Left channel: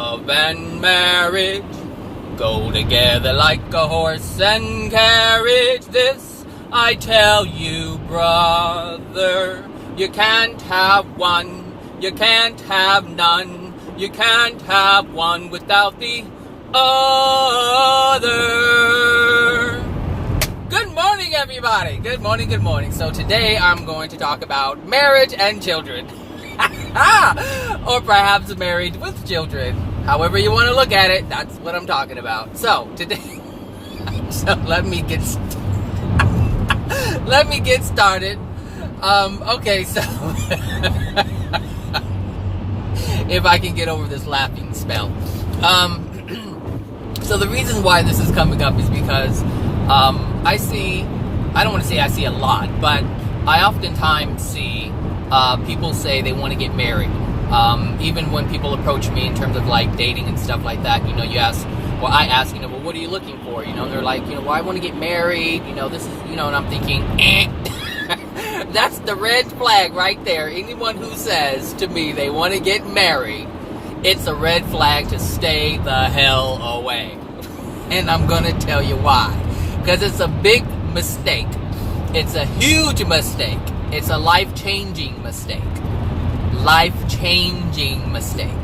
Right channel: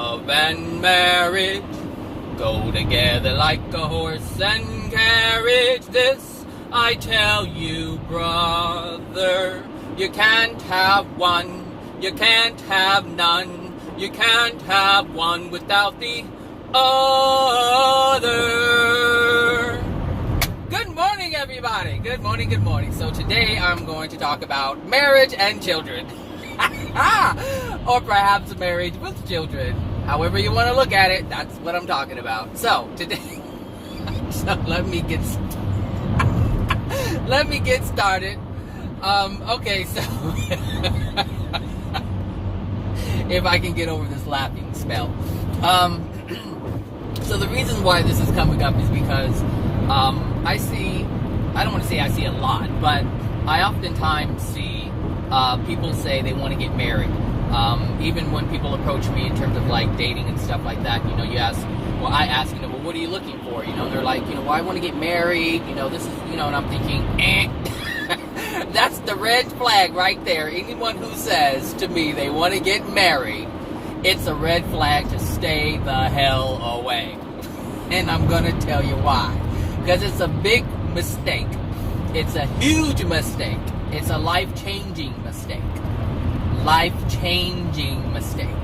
Love and marriage go together like a horse and carriage. This I tell you, brother. You can't have one, you can't have none. You can't have one without the other. Good morning, everybody. Good morning, good morning. So today I'm going to talk about marriage and children. Or perhaps marriage with children. However you want to look at it, that's what I'm talking about. So today, let me get started. Okay, so if I can get over this laughing spell. So the reason why this is coming up is because I don't want to say I see a lot, but I oftentimes see people say they want to get married. Even when people approach me in terms of like dating and stuff like that, I ask, well, what are you looking for? They're like, well, I want to get married, this is, and I'm thinking, that's the red flag right there. Anyone who says to me they want to get married, it's a red flag to stay the hell away. And I'm going to tell you why. Because it's a big mistake. It's a huge mistake. It's a life-changing mistake. Life-changing mistake.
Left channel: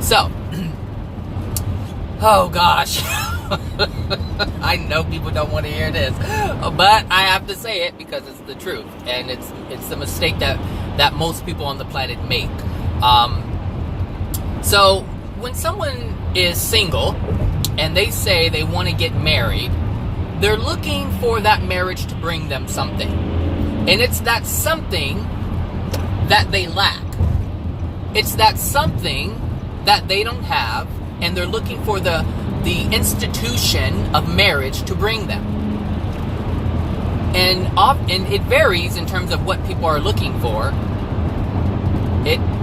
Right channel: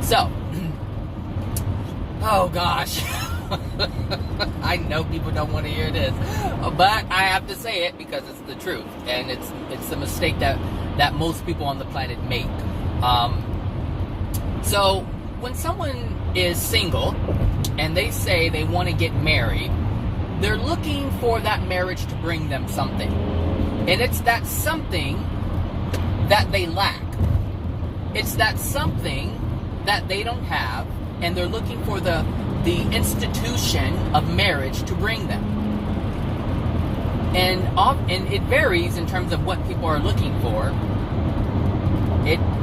So, oh gosh. I know people don't want to hear this, but I have to say it because it's the truth, and it's the mistake that most people on the planet make. So when someone is single and they say they want to get married, they're looking for that marriage to bring them something, and it's that something that they lack. It's that something that they don't have, and they're looking for the institution of marriage to bring them. And it varies in terms of what people are looking for.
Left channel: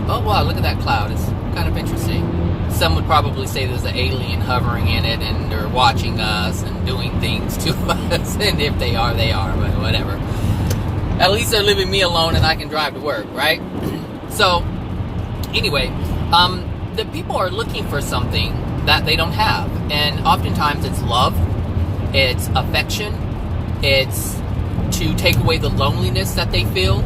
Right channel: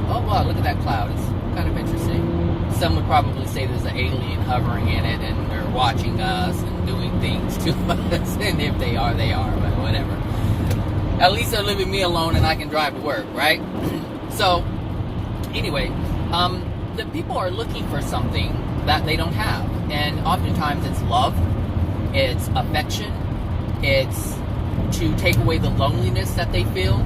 Oh wow, look at that cloud. It's kind of interesting. Some would probably say there's an alien hovering in it and they're watching us and doing things to us. And if they are, but whatever. At least they're leaving me alone and I can drive to work, right? So, anyway, the people are looking for something that they don't have. And oftentimes it's love, it's affection, it's to take away the loneliness that they feel.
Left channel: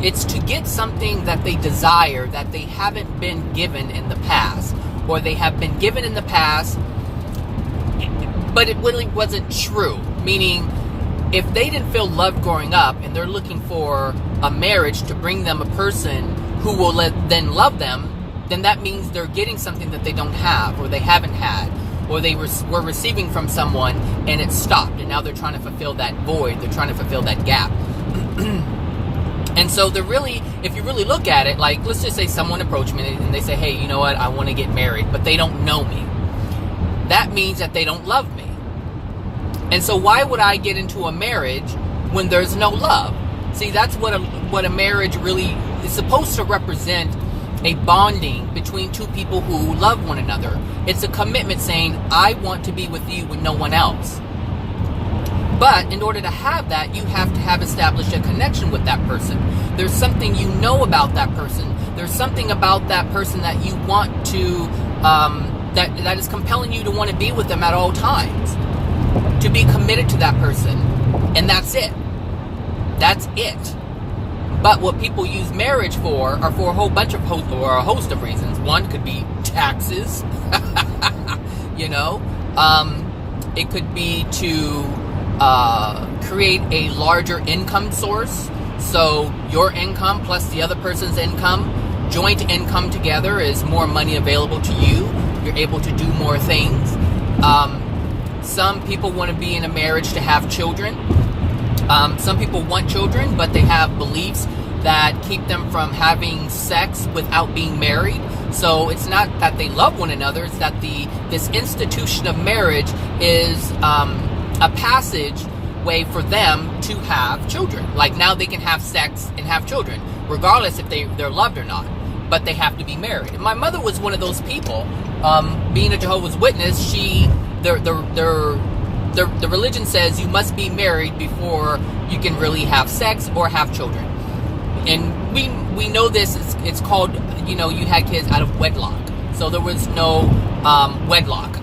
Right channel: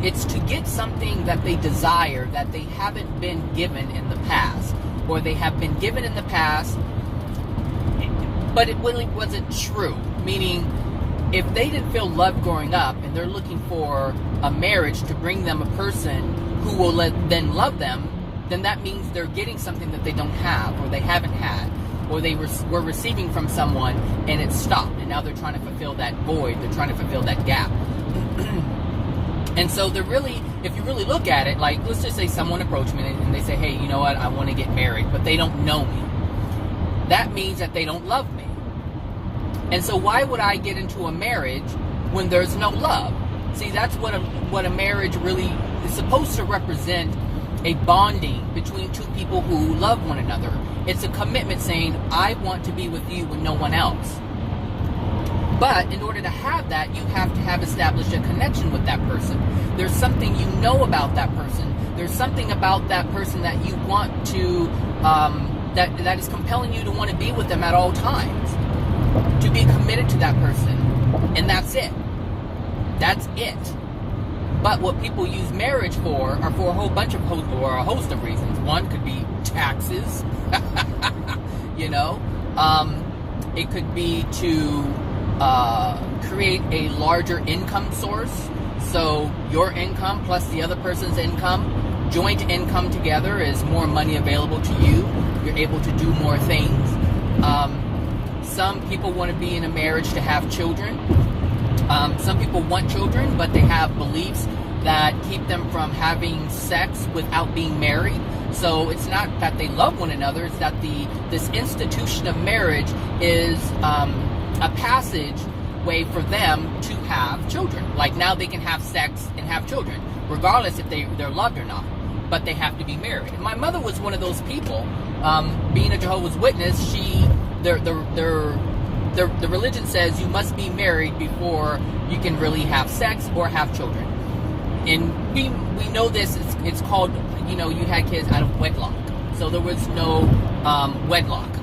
It's to get something that they desire that they haven't been given in the past, or they have been given in the past, but it really wasn't true. Meaning, if they didn't feel loved growing up and they're looking for a marriage to bring them a person who will then love them, then that means they're getting something that they don't have, or they haven't had, or they were receiving from someone and it stopped, and now they're trying to fulfill that void, they're trying to fulfill that gap. And so they're really, if you really look at it, like, let's just say someone approached me and they say, hey, you know what, I want to get married, but they don't know me. That means that they don't love me. And so why would I get into a marriage when there's no love? See, that's what a marriage really is supposed to represent. A bonding between two people who love one another. It's a commitment saying, I want to be with you and no one else. But in order to have that, you have to have established a connection with that person. There's something you know about that person. There's something about that person that you want to, that is compelling you to want to be with them at all times. To be committed to that person. And that's it. That's it. But what people use marriage for are for a whole bunch of a host of reasons. One could be taxes. It could be to create a larger income source. So your income plus the other person's income, joint income together, is more money available to you. You're able to do more things. Some people want to be in a marriage to have children. Some people want children, but they have beliefs that keep them from having sex without being married. So it's not that they love one another, it's that this institution of marriage is a passage way for them to have children. Like, now they can have sex and have children, regardless if they're loved or not. But they have to be married. And my mother was one of those people. Being a Jehovah's Witness, the religion says you must be married before you can really have sex or have children. And we know this, it's called, you had kids out of wedlock. So there was no wedlock.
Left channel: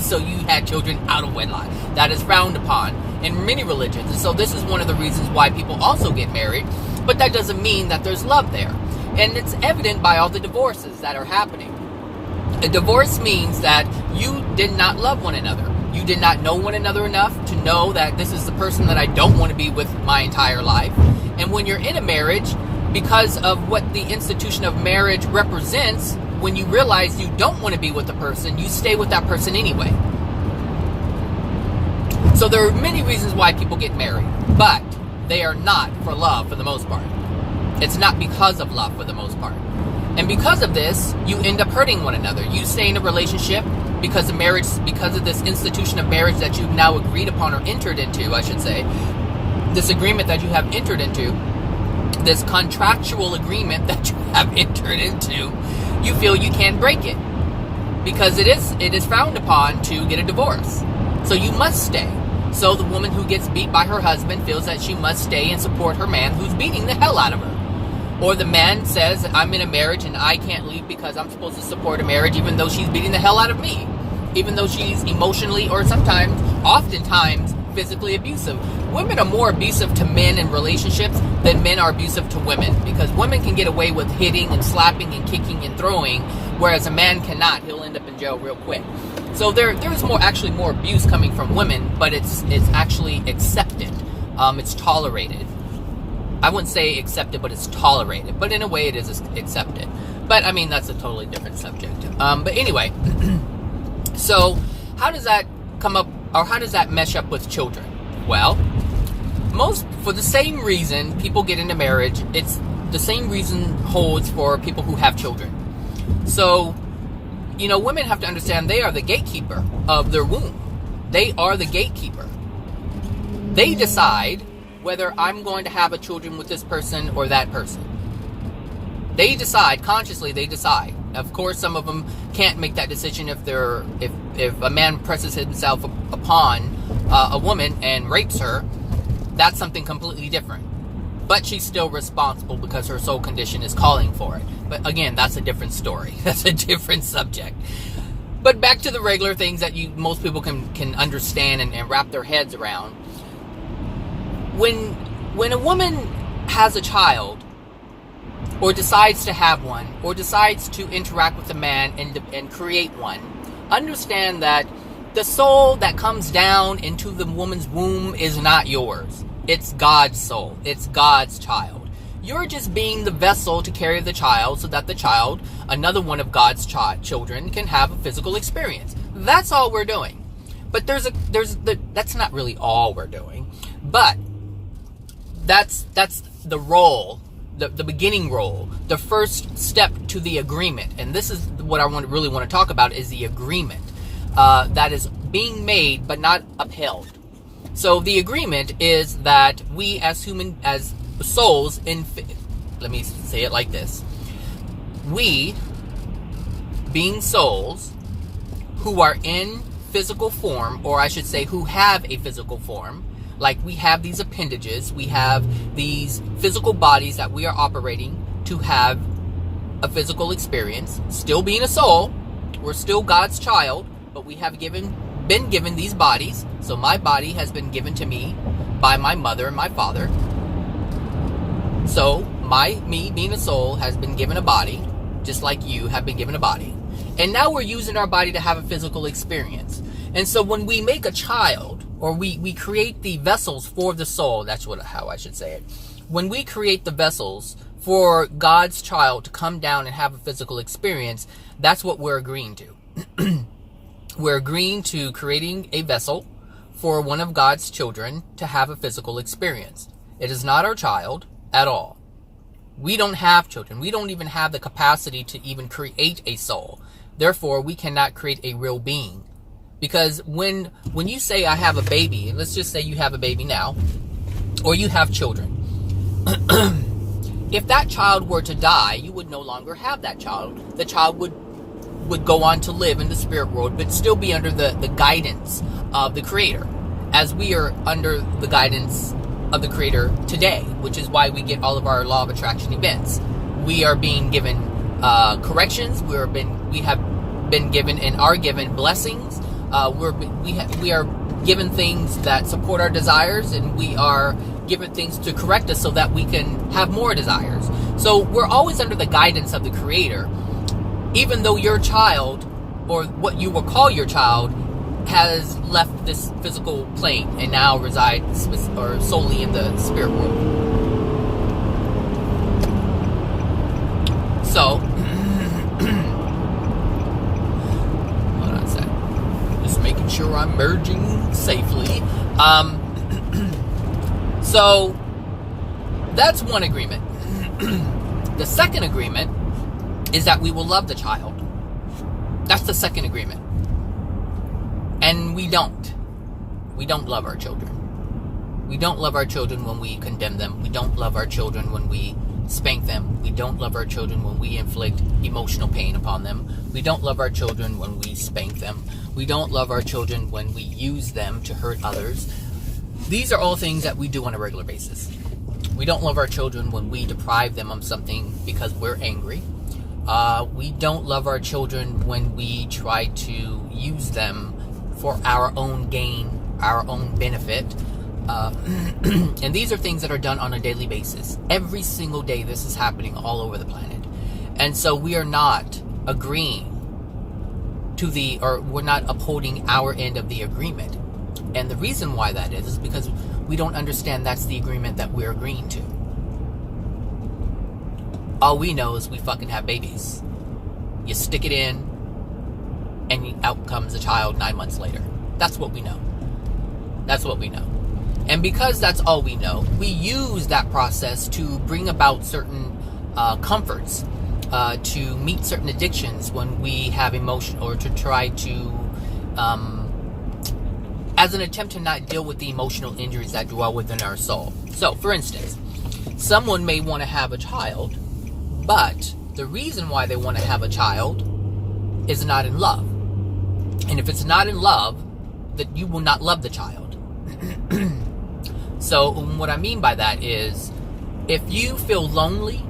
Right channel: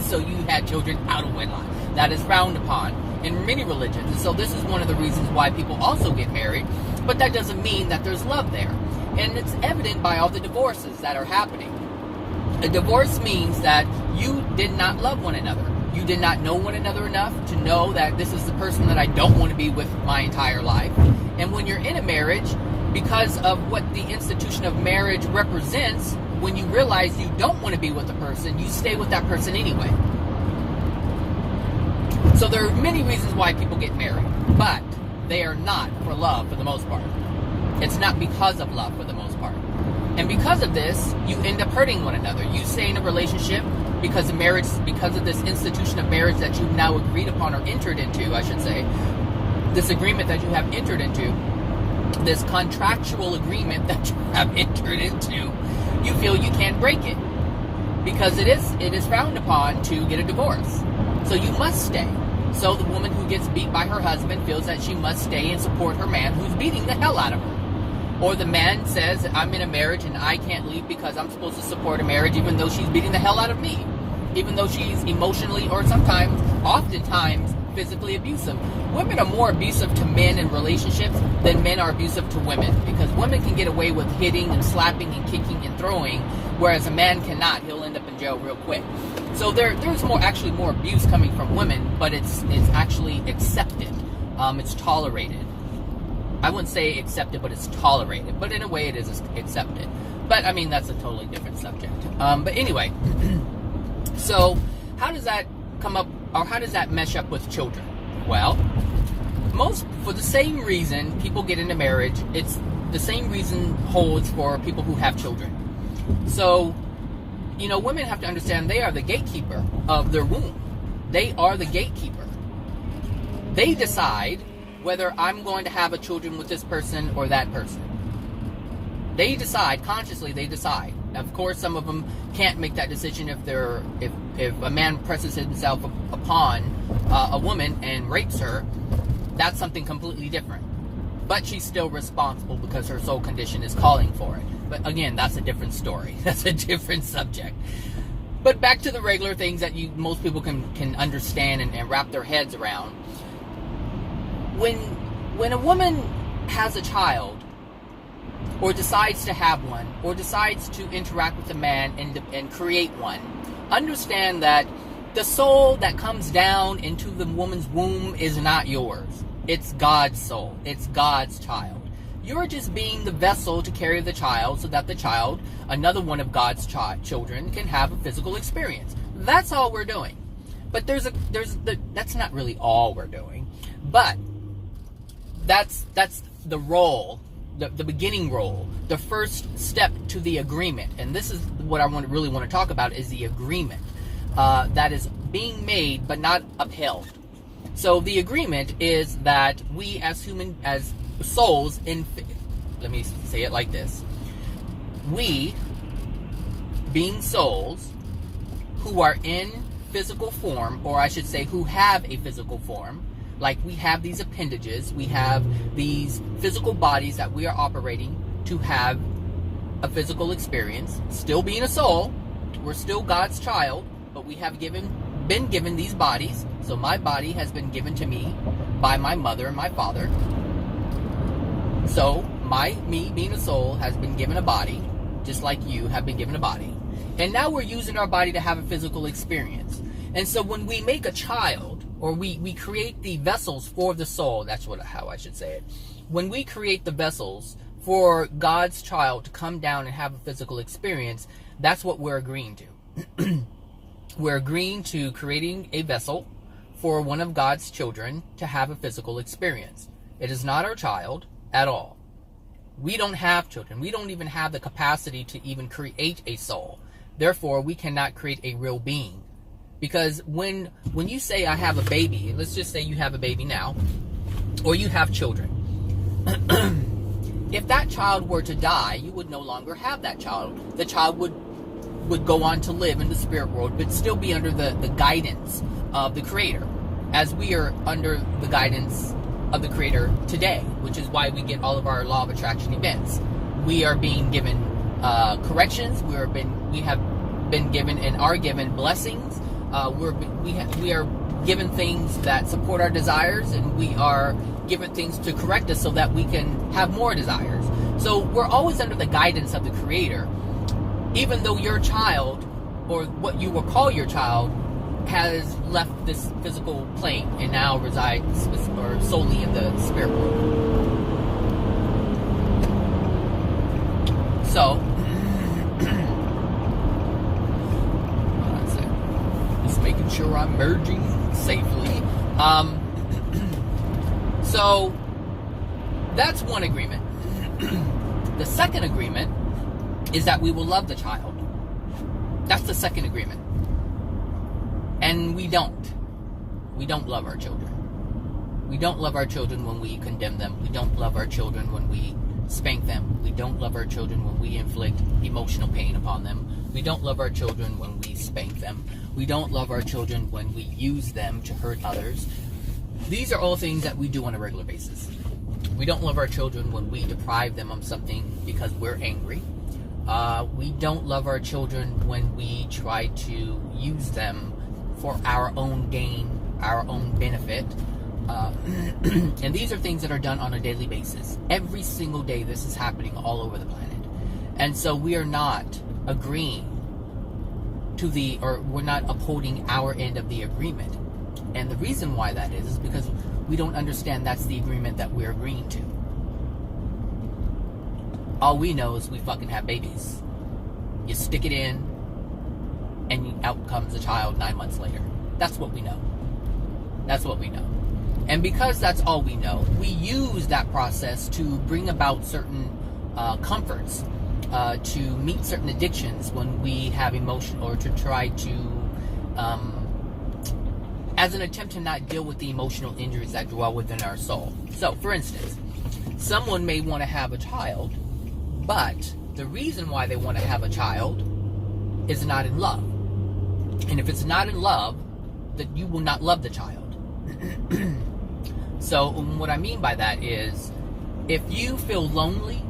So you had children out of wedlock. That is frowned upon in many religions. And so this is one of the reasons why people also get married. But that doesn't mean that there's love there. And it's evident by all the divorces that are happening. A divorce means that you did not love one another. You did not know one another enough to know that this is the person that I don't want to be with my entire life. And when you're in a marriage, because of what the institution of marriage represents, when you realize you don't want to be with the person, you stay with that person anyway. So there are many reasons why people get married, but they are not for love for the most part. It's not because of love for the most part. And because of this, you end up hurting one another. You stay in a relationship because of marriage, because of this institution of marriage that you've now agreed upon or entered into, I should say. This agreement that you have entered into, this contractual agreement that you have entered into, you feel you can't break it. Because it is frowned upon to get a divorce. So you must stay. So the woman who gets beat by her husband feels that she must stay and support her man who's beating the hell out of her. Or the man says, I'm in a marriage and I can't leave because I'm supposed to support a marriage even though she's beating the hell out of me. Even though she's emotionally or sometimes, oftentimes, physically abusive. Women are more abusive to men in relationships than men are abusive to women. Because women can get away with hitting and slapping and kicking and throwing, whereas a man cannot. He'll end up in jail real quick. So there's actually more abuse coming from women, but it's actually accepted. It's tolerated. I wouldn't say accepted, but it's tolerated. But in a way, it is accepted. But I mean, that's a totally different subject. But anyway, so how does that come up, or how does that mesh up with children? Well, for the same reason people get into marriage, it's the same reason holds for people who have children. So, women have to understand they are the gatekeeper of their womb. They are the gatekeeper. They decide whether I'm going to have a children with this person or that person. They decide, consciously they decide. Of course, some of them can't make that decision if a man presses himself upon a woman and rapes her. That's something completely different. But she's still responsible because her soul condition is calling for it. But again, that's a different story. That's a different subject. But back to the regular things that most people can understand and wrap their heads around. When a woman has a child, or decides to have one, or decides to interact with a man and create one, understand that the soul that comes down into the woman's womb is not yours. It's God's soul. It's God's child. You're just being the vessel to carry the child so that the child, another one of God's children, can have a physical experience. That's all we're doing. But that's not really all we're doing. But that's the role, the beginning role, the first step to the agreement. And this is what I really want to talk about, is the agreement that is being made but not upheld. So the agreement is that we as souls, let me say it like this. We, being souls who are in physical form, or I should say who have a physical form, like we have these appendages, we have these physical bodies that we are operating to have a physical experience. Still being a soul, we're still God's child, but we have been given these bodies. So my body has been given to me by my mother and my father. So me being a soul has been given a body, just like you have been given a body. And now we're using our body to have a physical experience. And so when we make a child, or we create the vessels for the soul, that's how I should say it. When we create the vessels for God's child to come down and have a physical experience, that's what we're agreeing to. We're agreeing to creating a vessel for one of God's children to have a physical experience. It is not our child at all. We don't have children. We don't even have the capacity to even create a soul. Therefore, we cannot create a real being. Because when you say I have a baby, and let's just say you have a baby now, or you have children, if that child were to die, you would no longer have that child. The child would go on to live in the spirit world, but still be under the guidance of the Creator, as we are under the guidance of the Creator today, which is why we get all of our law of attraction events. We are being given corrections. We we have been given and are given blessings. We are given things that support our desires, and we are given things to correct us so that we can have more desires. So we're always under the guidance of the Creator, even though your child, or what you will call your child, has left this physical plane and now resides or solely in the spirit world. So, hold on a sec. Just making sure I'm merging safely. So, that's one agreement. The second agreement is that we will love the child. That's the second agreement. And we don't. We don't love our children. We don't love our children when we condemn them. We don't love our children when we spank them. We don't love our children when we inflict emotional pain upon them. We don't love our children when we spank them. We don't love our children when we use them to hurt others. These are all things that we do on a regular basis. We don't love our children when we deprive them of something because we're angry. We don't love our children when we try to use them for our own gain, our own benefit. And these are things that are done on a daily basis. Every single day this is happening all over the planet. And so we are not agreeing to or we're not upholding our end of the agreement. And the reason why that is because we don't understand that's the agreement that we're agreeing to. All we know is we fucking have babies. You stick it in, and out comes a child 9 months later. That's what we know. That's what we know. And because that's all we know, we use that process to bring about certain comforts, to meet certain addictions when we have emotion, or to try to, as an attempt to not deal with the emotional injuries that dwell within our soul. So, for instance, someone may want to have a child, but the reason why they want to have a child is not in love. And if it's not in love, then you will not love the child. So what I mean by that is, if you feel lonely,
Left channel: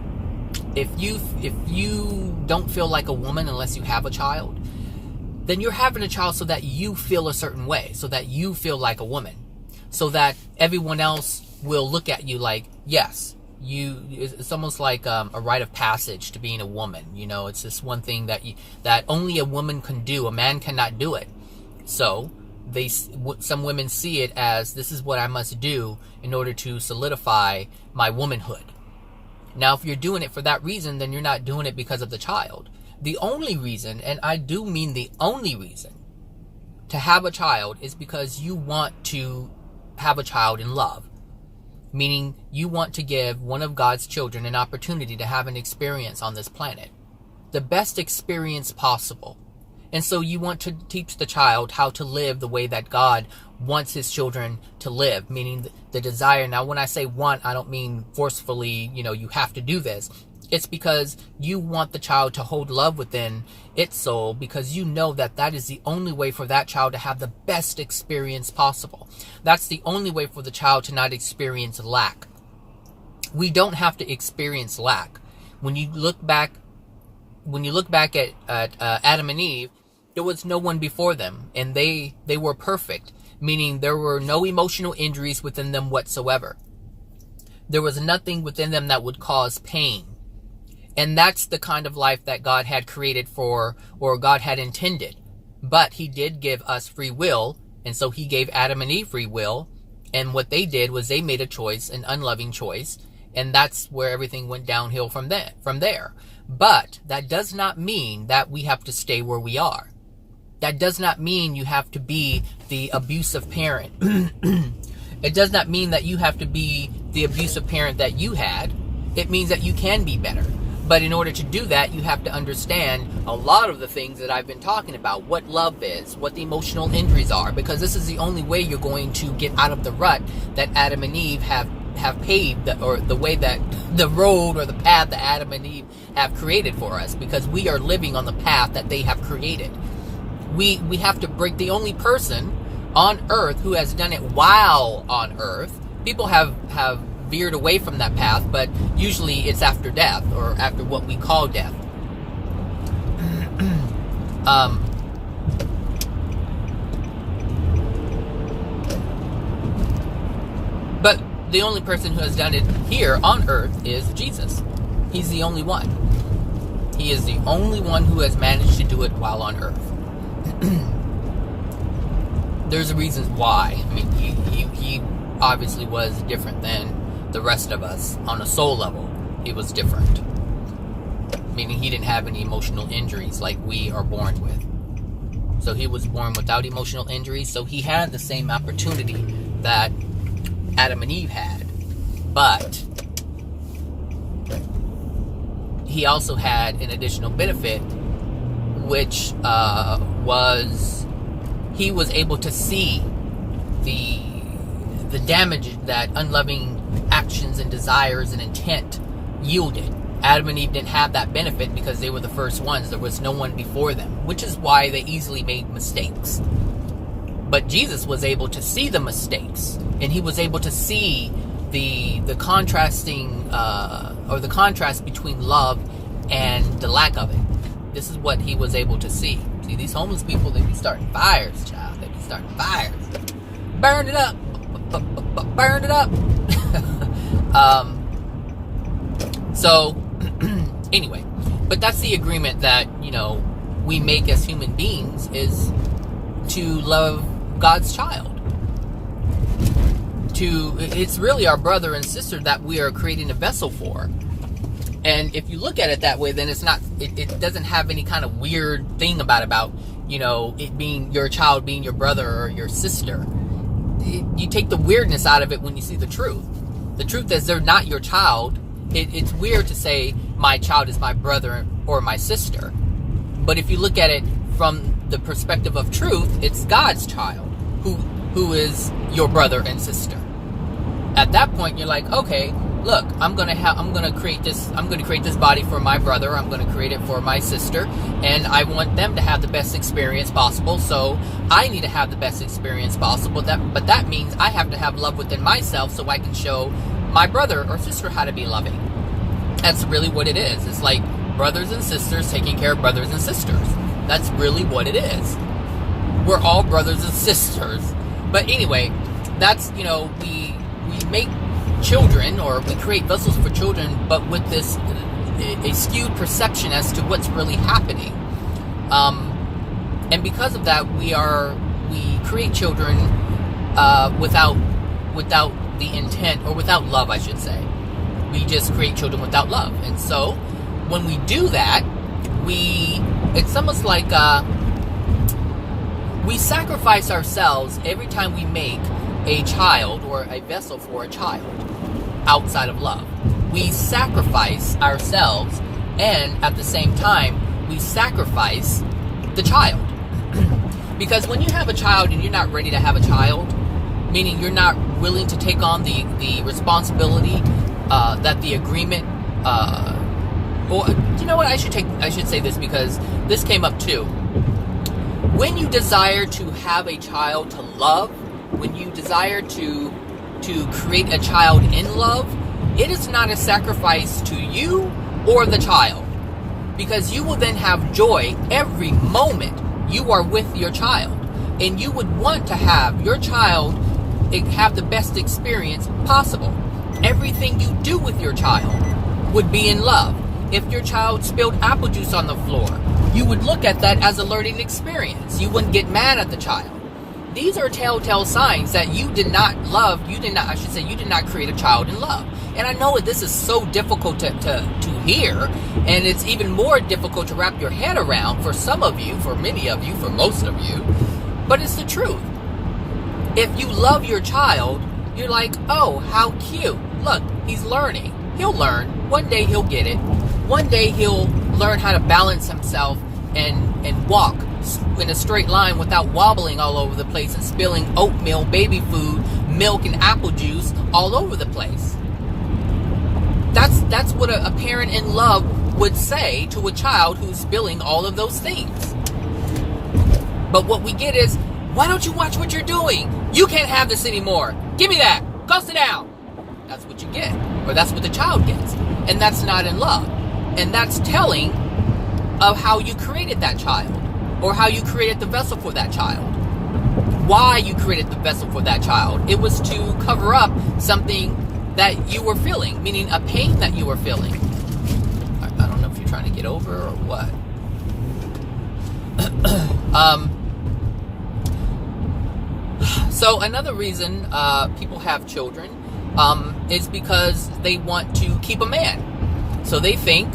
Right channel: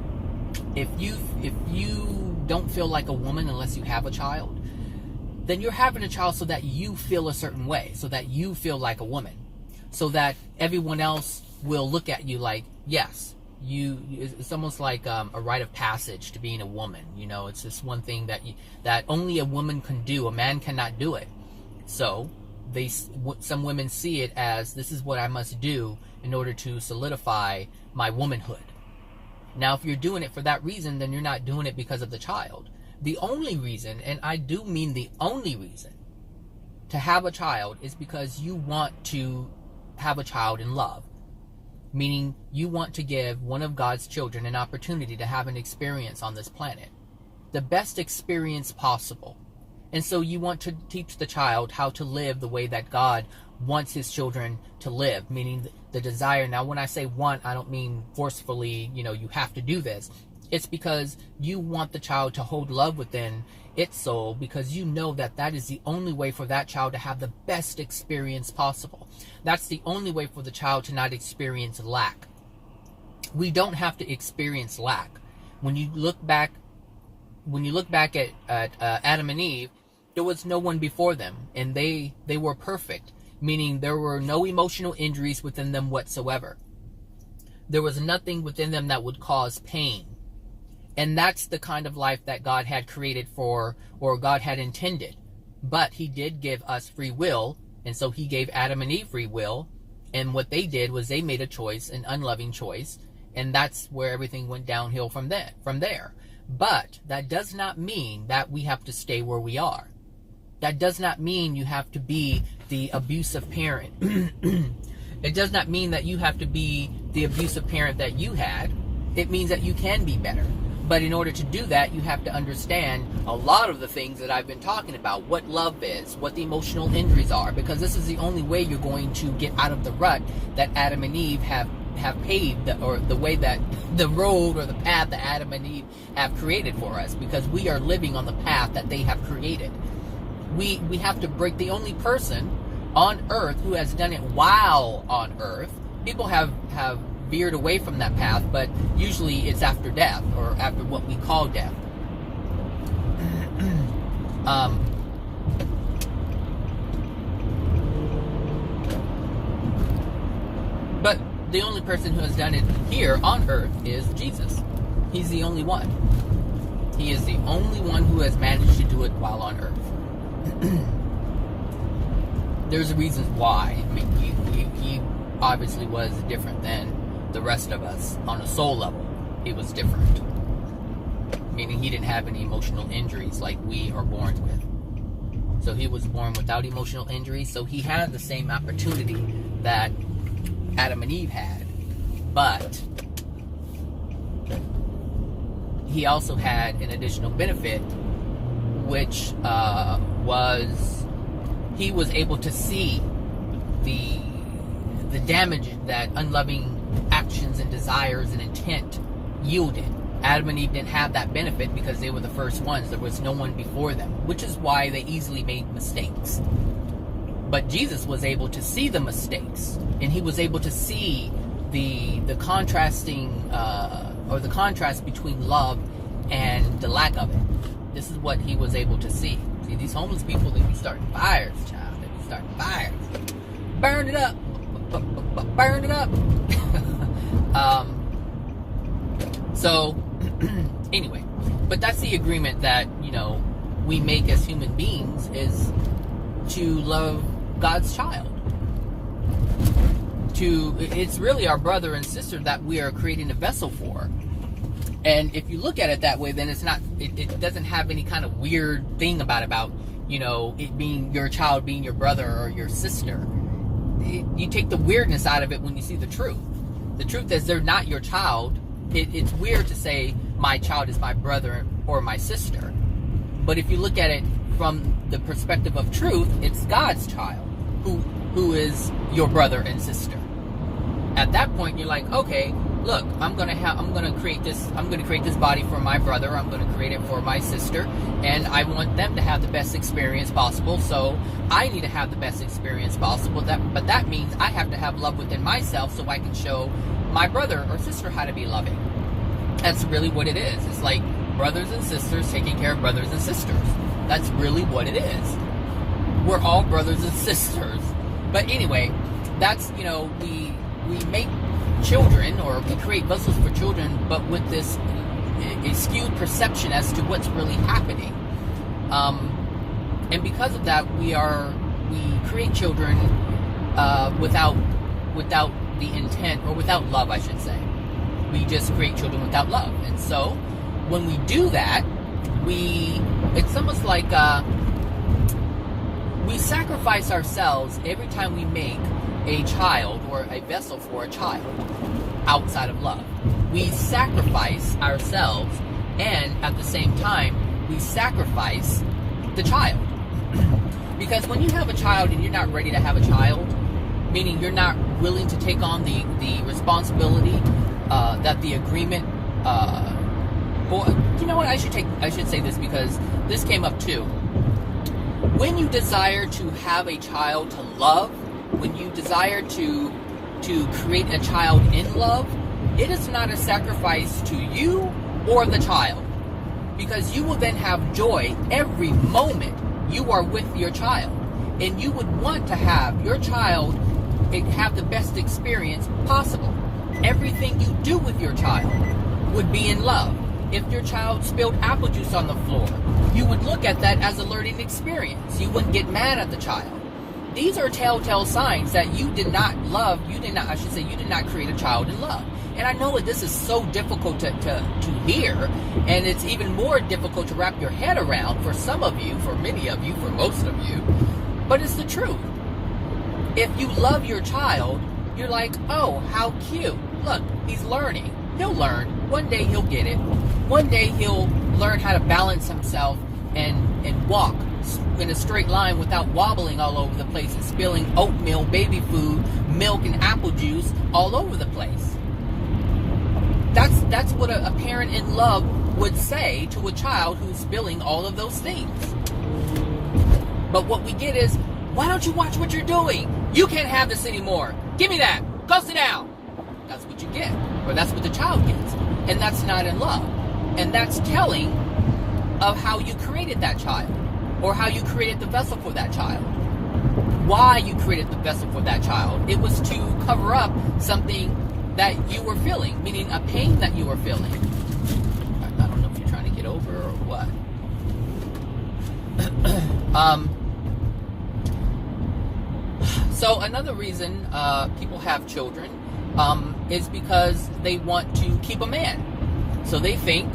if you don't feel like a woman unless you have a child, then you're having a child so that you feel a certain way, so that you feel like a woman, so that everyone else will look at you like, yes, it's almost like a rite of passage to being a woman. You know, it's this one thing that only a woman can do. A man cannot do it. So some women see it as, this is what I must do in order to solidify my womanhood. Now, if you're doing it for that reason, then you're not doing it because of the child. The only reason, and I do mean the only reason, to have a child is because you want to have a child in love. Meaning you want to give one of God's children an opportunity to have an experience on this planet. The best experience possible. And so you want to teach the child how to live the way that God wants his children to live. Meaning the desire. Now, when I say want, I don't mean forcefully, you have to do this. It's because you want the child to hold love within its soul, because you know that that is the only way for that child to have the best experience possible. That's the only way for the child to not experience lack. We don't have to experience lack. When you look back at Adam and Eve, there was no one before them, and they were perfect, meaning there were no emotional injuries within them whatsoever. There was nothing within them that would cause pain. And that's the kind of life that God had created for, or God had intended. But he did give us free will, and so he gave Adam and Eve free will, and what they did was they made a choice, an unloving choice, and that's where everything went downhill from there. But that does not mean that we have to stay where we are. That does not mean you have to be the abusive parent. It does not mean that you have to be the abusive parent that you had. It means that you can be better. But in order to do that, you have to understand a lot of the things that I've been talking about. What love is, what the emotional injuries are. Because this is the only way you're going to get out of the rut that Adam and Eve have paved, or the way that the road or the path that Adam and Eve have created for us. Because we are living on the path that they have created. We have to break. The only person on earth who has done it while on earth, people have veered away from that path, but usually it's after death, or after what we call death. But the only person who has done it here on earth is Jesus. He's the only one. He is the only one who has managed to do it while on earth. There's reasons why. I mean, he obviously was different than the rest of us. On a soul level, he was different. Meaning he didn't have any emotional injuries like we are born with. So he was born without emotional injuries. So he had the same opportunity that Adam and Eve had. But he also had an additional benefit, which was he was able to see the damage that unloving actions and desires and intent yielded. Adam and Eve didn't have that benefit because they were the first ones. There was no one before them, which is why they easily made mistakes. But Jesus was able to see the mistakes, and he was able to see the contrasting or the contrast between love and the lack of it. This is what he was able to see. See, these homeless people, they be starting fires, child. They be starting fires. Burn it up. Burn it up. So, anyway. But that's the agreement that, we make as human beings, is to love God's child. It's really our brother and sister that we are creating a vessel for. And if you look at it that way, then it doesn't have any kind of weird thing about it being your child being your brother or your sister. You take the weirdness out of it when you see the truth. The truth is they're not your child. It's weird to say my child is my brother or my sister. But if you look at it from the perspective of truth, it's God's child who is your brother and sister. At that point, you're like, okay, look, I'm gonna create this body for my brother. I'm gonna create it for my sister, and I want them to have the best experience possible. So I need to have the best experience possible. But that means I have to have love within myself, so I can show my brother or sister how to be loving. That's really what it is. It's like brothers and sisters taking care of brothers and sisters. That's really what it is. We're all brothers and sisters. But anyway, that's we make children, or we create vessels for children, but with this a skewed perception as to what's really happening, and because of that, we create children without the intent, or without love, I should say. We just create children without love. And so when we do that, it's almost like we sacrifice ourselves every time we make a child or a vessel for a child outside of love. We sacrifice ourselves, and at the same time, we sacrifice the child. Because when you have a child and you're not ready to have a child, meaning you're not willing to take on the responsibility that the agreement, or you know what, I should say this, because this came up too. When you desire to have a child to love, when you desire to create a child in love, it is not a sacrifice to you or the child, because you will then have joy every moment you are with your child, and you would want to have your child have the best experience possible. Everything you do with your child would be in love. If your child spilled apple juice on the floor, you would look at that as a learning experience. You wouldn't get mad at the child. These are telltale signs that you did not create a child in love. And I know that this is so difficult to hear, and it's even more difficult to wrap your head around for some of you, for many of you, for most of you, but it's the truth. If you love your child, you're like, oh, how cute. Look, he's learning. He'll learn. One day he'll get it. One day he'll learn how to balance himself and walk in a straight line without wobbling all over the place and spilling oatmeal, baby food, milk, and apple juice all over the place. That's what a parent in love would say to a child who's spilling all of those things. But what we get is, why don't you watch what you're doing? You can't have this anymore. Give me that. Go sit down. That's what you get. Or that's what the child gets. And that's not in love. And that's telling of how you created that child. or how you created the vessel for that child. Why you created the vessel for that child. It was to cover up something that you were feeling, meaning a pain that you were feeling. I don't know if you're trying to get over or what. So another reason people have children is because they want to keep a man. So they think,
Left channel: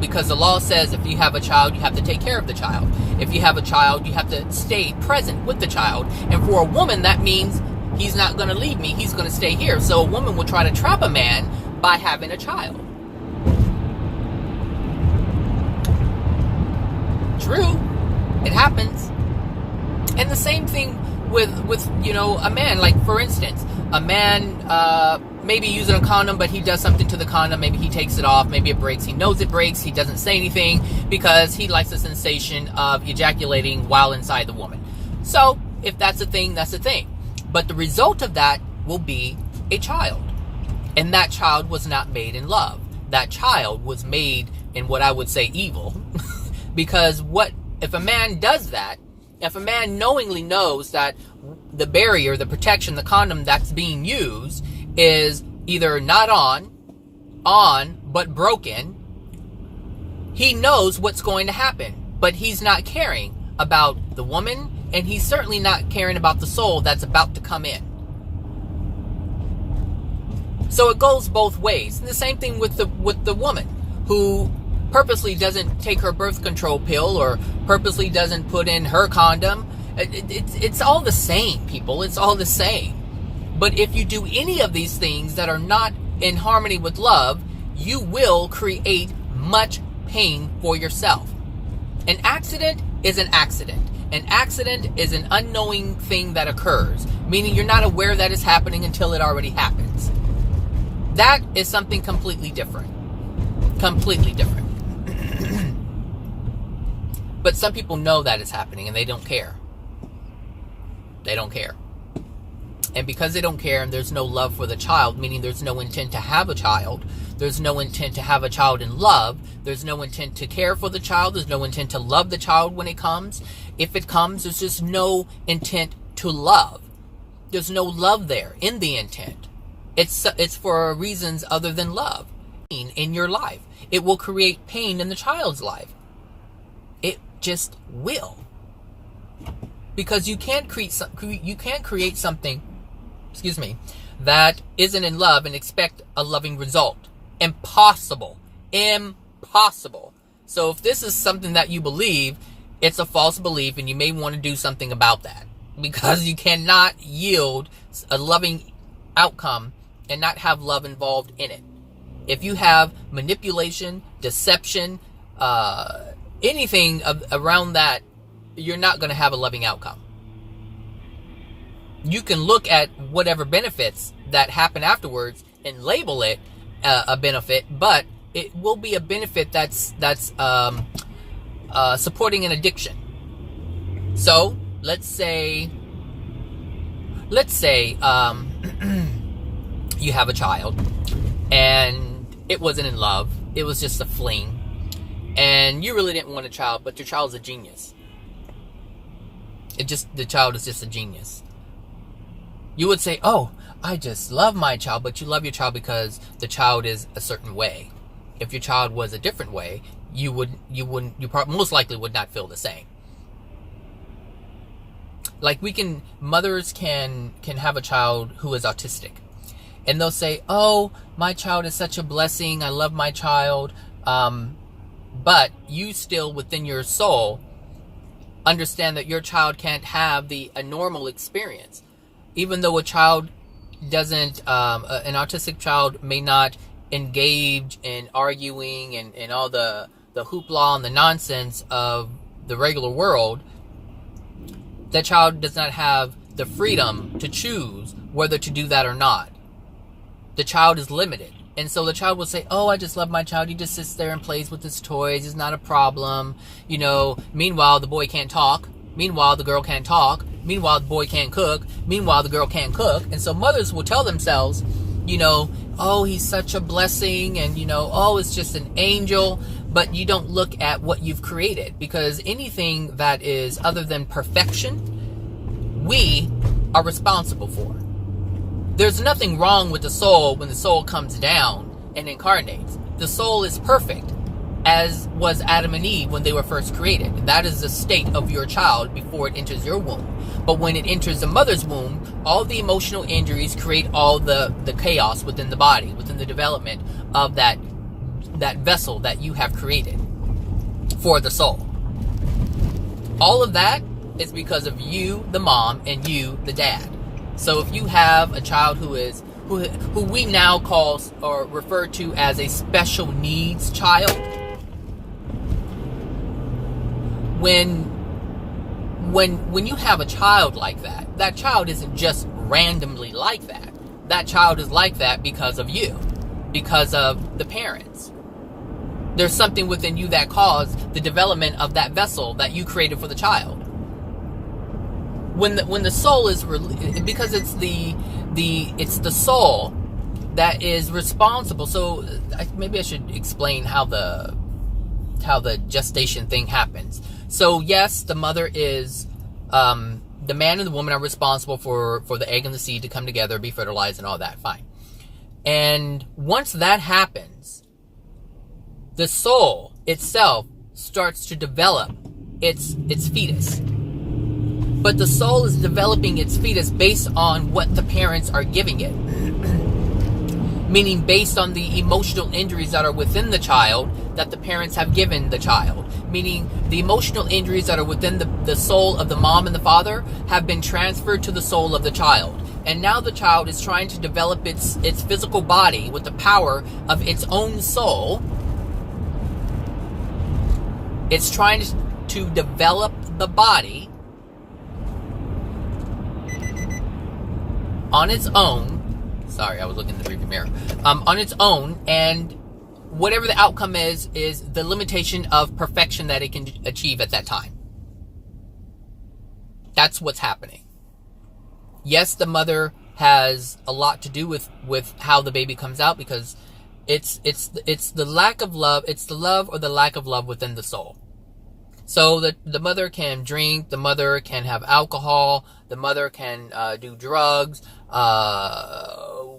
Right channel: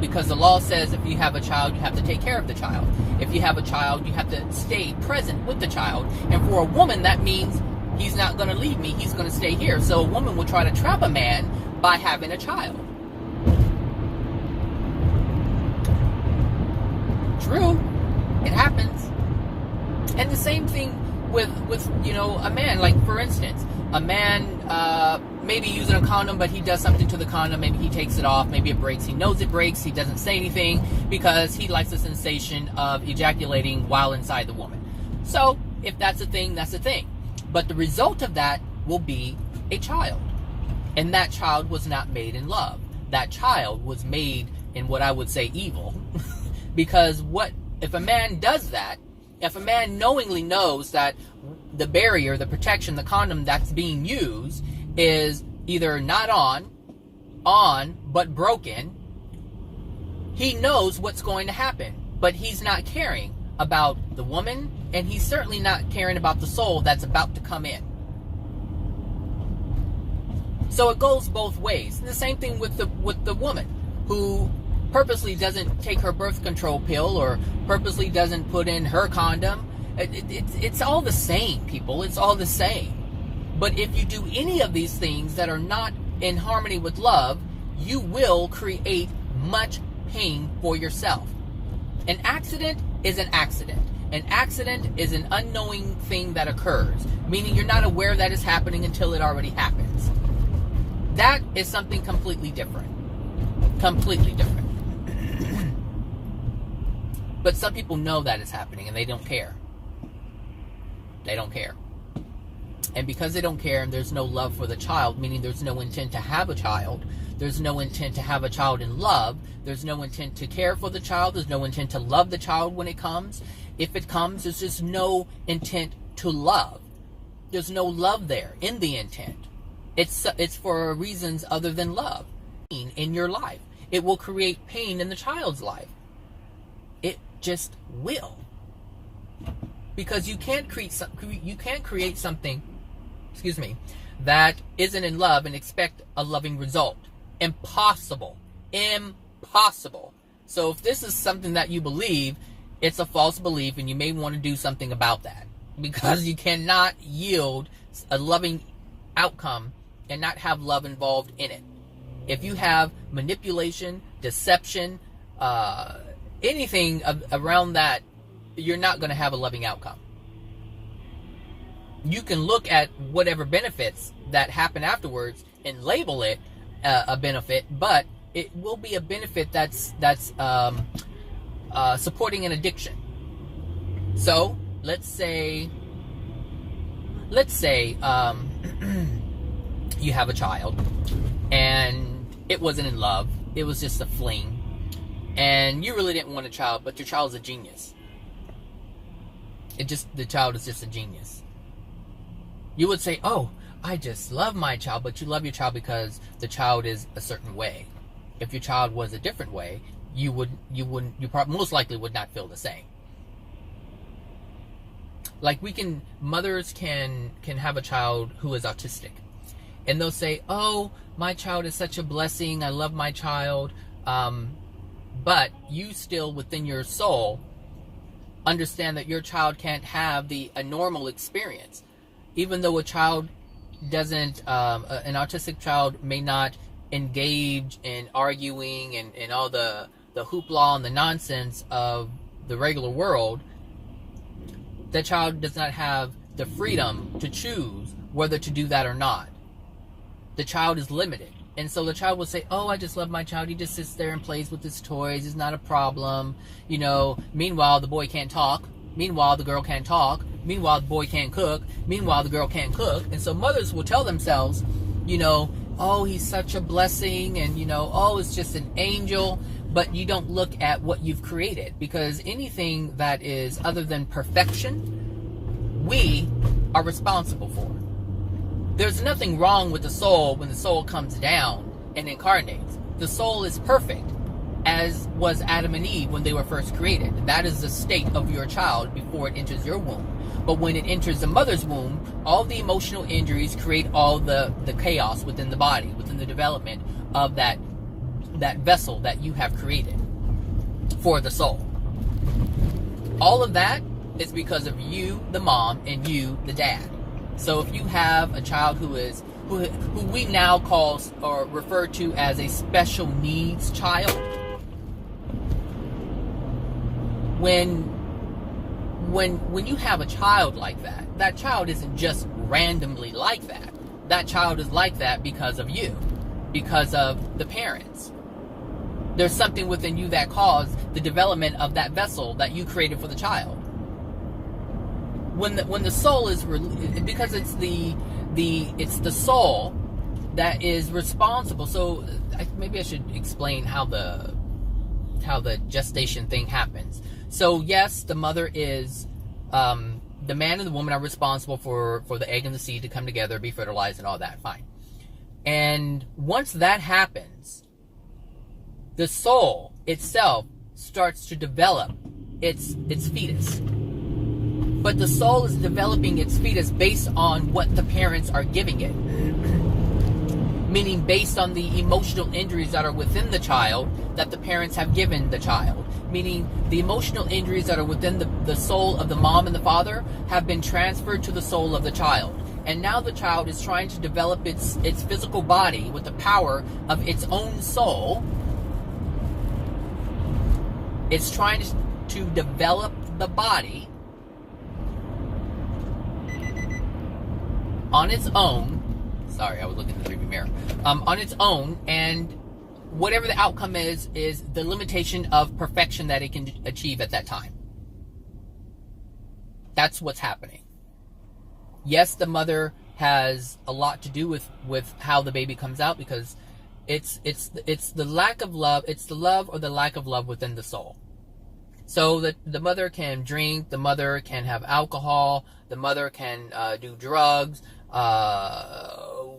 because the law says if you have a child, you have to take care of the child. If you have a child, you have to stay present with the child. And for a woman, that means he's not going to leave me. He's going to stay here. So a woman will try to trap a man by having a child. True. It happens. And the same thing with a man. Like, for instance, a man maybe using a condom, but he does something to the condom. Maybe he takes it off. Maybe it breaks. He knows it breaks. He doesn't say anything because he likes the sensation of ejaculating while inside the woman. So if that's a thing, that's a thing. But the result of that will be a child. And that child was not made in love. That child was made in what I would say evil. Because if a man does that, if a man knowingly knows that the barrier, the protection, the condom that's being used is either not on, but broken, he knows what's going to happen. But he's not caring about the woman, and he's certainly not caring about the soul that's about to come in. So it goes both ways. And the same thing with the woman who purposely doesn't take her birth control pill or purposely doesn't put in her condom. It's all the same, people. It's all the same. But if you do any of these things that are not in harmony with love, you will create much pain for yourself. An accident is an accident. An accident is an unknowing thing that occurs, meaning you're not aware that it's happening until it already happens. That is something completely different. Completely different. But some people know that it's happening and they don't care. They don't care. And because they don't care and there's no love for the child, meaning there's no intent to have a child, there's no intent to have a child in love, there's no intent to care for the child, there's no intent to love the child when it comes. If it comes, there's just no intent to love. There's no love there in the intent. It's for reasons other than love. In your life, it will create pain in the child's life. It just will. Because you can't create something, that isn't in love and expect a loving result. Impossible. Impossible. So if this is something that you believe, it's a false belief, and you may want to do something about that, because you cannot yield a loving outcome and not have love involved in it. If you have manipulation, deception, anything around that, you're not going to have a loving outcome. You can look at whatever benefits that happen afterwards and label it a benefit, but it will be a benefit that's supporting an addiction. So let's say you have a child and it wasn't in love, it was just a fling, and you really didn't want a child, but your child's a genius. The child is just a genius. You would say, oh, I just love my child, but you love your child because the child is a certain way. If your child was a different way, you most likely would not feel the same. Like mothers can have a child who is autistic, and they'll say, oh, my child is such a blessing, I love my child, but you still within your soul understand that your child can't have a normal experience. Even though a child doesn't, an autistic child may not engage in arguing and all the hoopla and the nonsense of the regular world, the child does not have the freedom to choose whether to do that or not. The child is limited. And so the child will say, oh, I just love my child. He just sits there and plays with his toys. It's not a problem. Meanwhile, the boy can't talk. Meanwhile, the girl can't talk. Meanwhile, the boy can't cook. Meanwhile, the girl can't cook. And so mothers will tell themselves, oh, he's such a blessing. And, oh, it's just an angel. but you don't look at what you've created, because anything that is other than perfection, we are responsible for. There's nothing wrong with the soul when the soul comes down and incarnates. The soul is perfect, as was Adam and Eve when they were first created. That is the state of your child before it enters your womb. But when it enters the mother's womb, all the emotional injuries create all the chaos within the body, within the development of that vessel that you have created for the soul. All of that is because of you, the mom, and you, the dad. So if you have a child who we now call or refer to as a special needs child, when you have a child like that, that child isn't just randomly like that. That child is like that because of you, because of the parents. There's something within you that caused the development of that vessel that you created for the child. When the soul is because it's the soul that is responsible. So maybe I should explain how the gestation thing happens. So yes, the mother is the man and the woman are responsible for the egg and the seed to come together, be fertilized, and all that. Fine. And once that happens, the soul itself starts to develop its fetus. But the soul is developing its fetus based on what the parents are giving it. Meaning based on the emotional injuries that are within the child that the parents have given the child. Meaning the emotional injuries that are within the soul of the mom and the father have been transferred to the soul of the child. And now the child is trying to develop its physical body with the power of its own soul. It's trying to develop the body on its own. Sorry, I was looking in the rearview mirror. On its own, and whatever the outcome is the limitation of perfection that it can achieve at that time. That's what's happening. Yes, the mother has a lot to do with how the baby comes out, because it's the lack of love. It's the love or the lack of love within the soul. So the mother can drink, the mother can have alcohol, the mother can do drugs,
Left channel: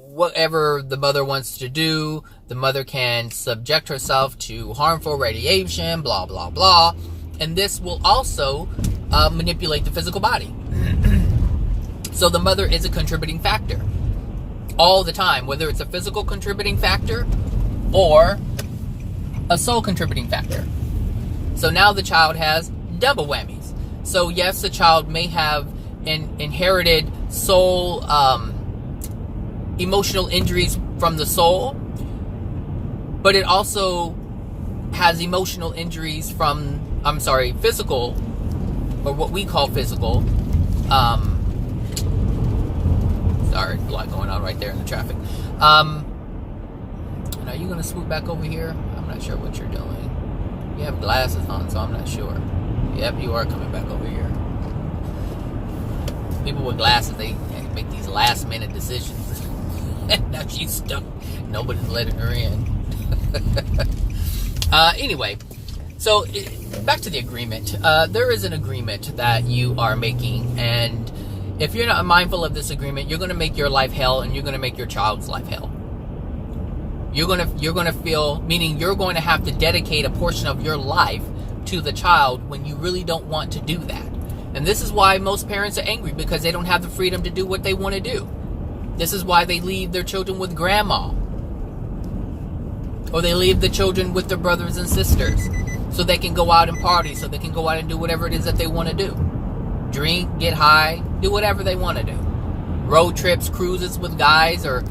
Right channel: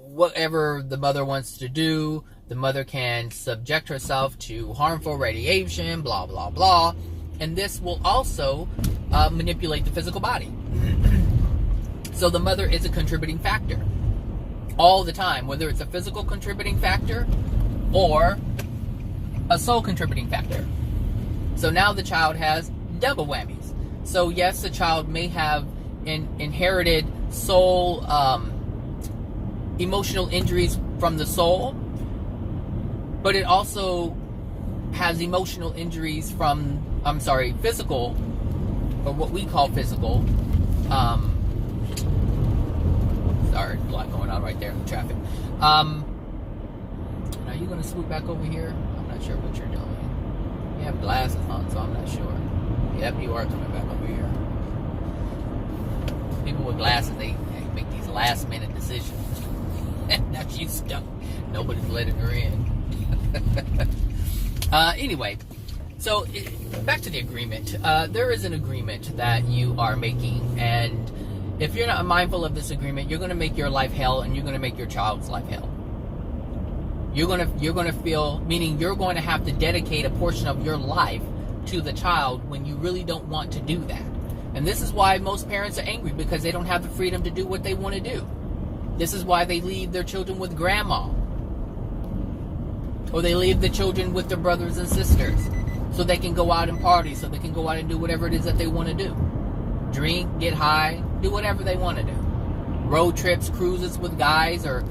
whatever the mother wants to do. The mother can subject herself to harmful radiation, blah, blah, blah. And this will also manipulate the physical body. So the mother is a contributing factor all the time, whether it's a physical contributing factor or a soul contributing factor. So now the child has double whammies. So yes, the child may have inherited soul emotional injuries from the soul, but it also has emotional injuries from, physical, or what we call physical. Sorry, a lot going on right there in the traffic. And are you going to swoop back over here? I'm not sure what you're doing. You have glasses on, so I'm not sure. Yep, you are coming back over here. People with glasses, they make these last minute decisions. And now she's stuck. Nobody's letting her in. Anyway, so back to the agreement. There is an agreement that you are making, and if you're not mindful of this agreement, you're going to make your life hell, and you're going to make your child's life hell. You're going to feel, meaning you're going to have to dedicate a portion of your life to the child when you really don't want to do that. And this is why most parents are angry, because they don't have the freedom to do what they want to do. This is why they leave their children with grandma. Or they leave the children with their brothers and sisters, so they can go out and party, so they can go out and do whatever it is that they want to do. Drink, get high, do whatever they want to do. Road trips, cruises with guys, or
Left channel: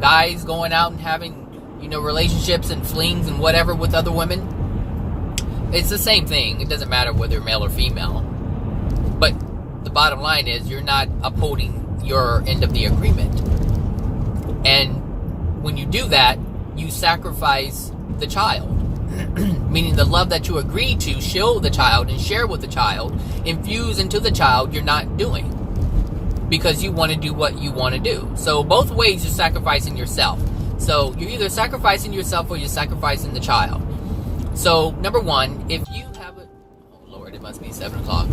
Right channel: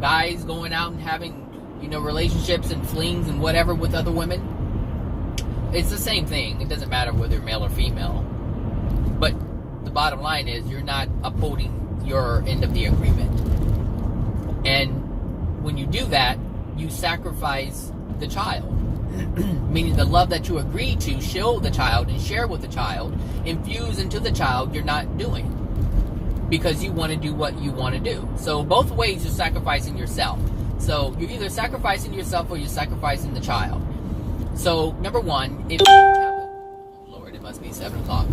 guys going out and having, relationships and flings and whatever with other women. It's the same thing. It doesn't matter whether you're male or female. But the bottom line is you're not upholding your end of the agreement. And when you do that, you sacrifice the child. Meaning the love that you agreed to show the child and share with the child, infuse into the child, you're not doing. Because you want to do what you want to do. So both ways you're sacrificing yourself. So you're either sacrificing yourself or you're sacrificing the child. So, number one, if you have a, oh Lord, it must be 7 o'clock.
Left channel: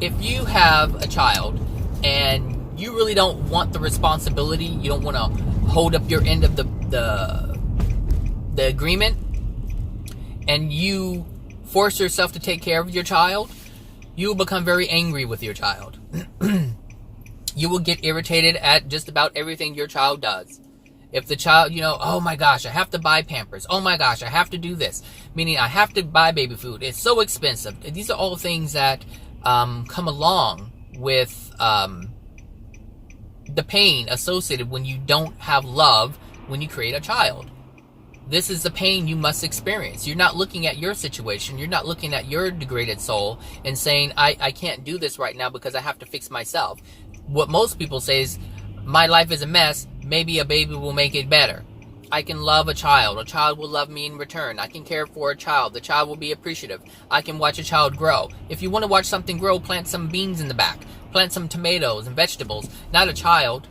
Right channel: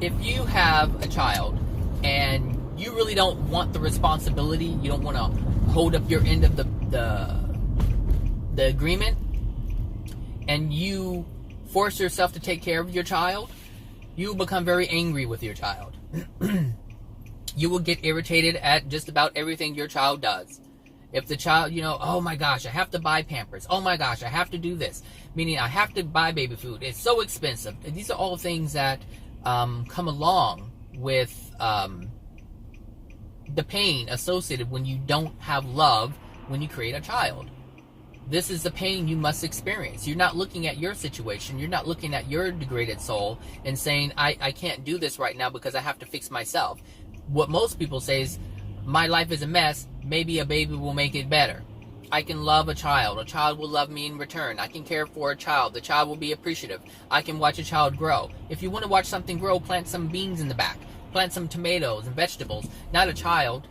If you have a child and you really don't want the responsibility, you don't want to hold up your end of the agreement, and you force yourself to take care of your child, you will become very angry with your child. You will get irritated at just about everything your child does. If the child, oh my gosh, I have to buy Pampers. Oh my gosh, I have to do this. Meaning I have to buy baby food. It's so expensive. These are all things that come along with the pain associated when you don't have love when you create a child. This is the pain you must experience. You're not looking at your situation. You're not looking at your degraded soul and saying, I can't do this right now because I have to fix myself. What most people say is, my life is a mess. Maybe a baby will make it better. I can love a child. A child will love me in return. I can care for a child. The child will be appreciative. I can watch a child grow. If you want to watch something grow, plant some beans in the back. Plant some tomatoes and vegetables. Not a child.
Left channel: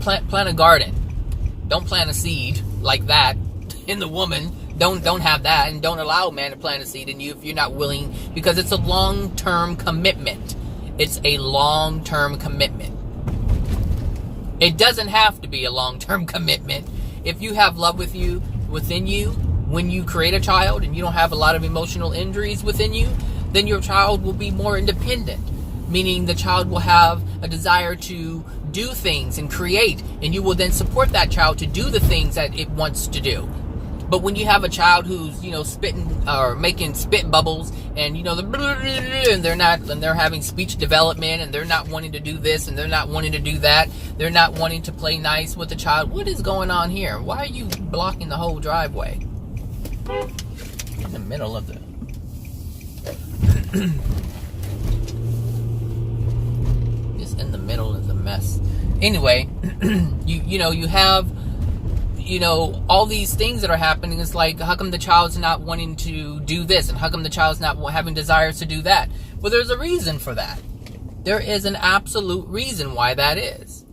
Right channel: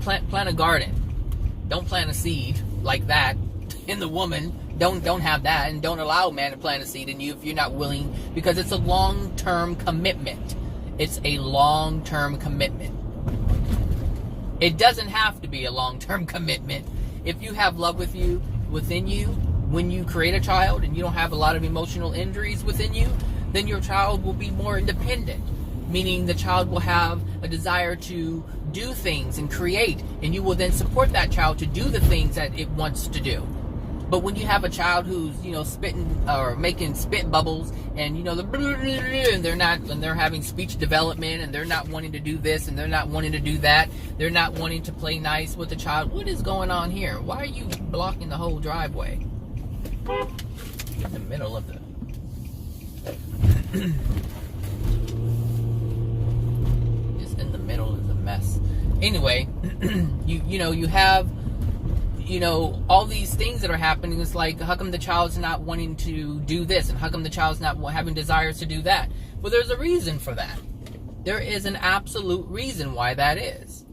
Plant a garden. Don't plant a seed like that in the woman. Don't have that, and don't allow a man to plant a seed in you if you're not willing, because it's a long-term commitment. It's a long-term commitment. It doesn't have to be a long-term commitment. If you have love within you, when you create a child and you don't have a lot of emotional injuries within you, then your child will be more independent. Meaning the child will have a desire to do things and create, and you will then support that child to do the things that it wants to do. But when you have a child who's, spitting or making spit bubbles, and and they're having speech development, and they're not wanting to do this, and they're not wanting to do that, they're not wanting to play nice with the child. What is going on here? Why are you blocking the whole driveway? In the middle of the just in the middle is a mess. Anyway, you have all these things that are happening. It's like, how come the child's not wanting to do this? And how come the child's not having desires to do that? Well, there's a reason for that. There is an absolute reason why that is.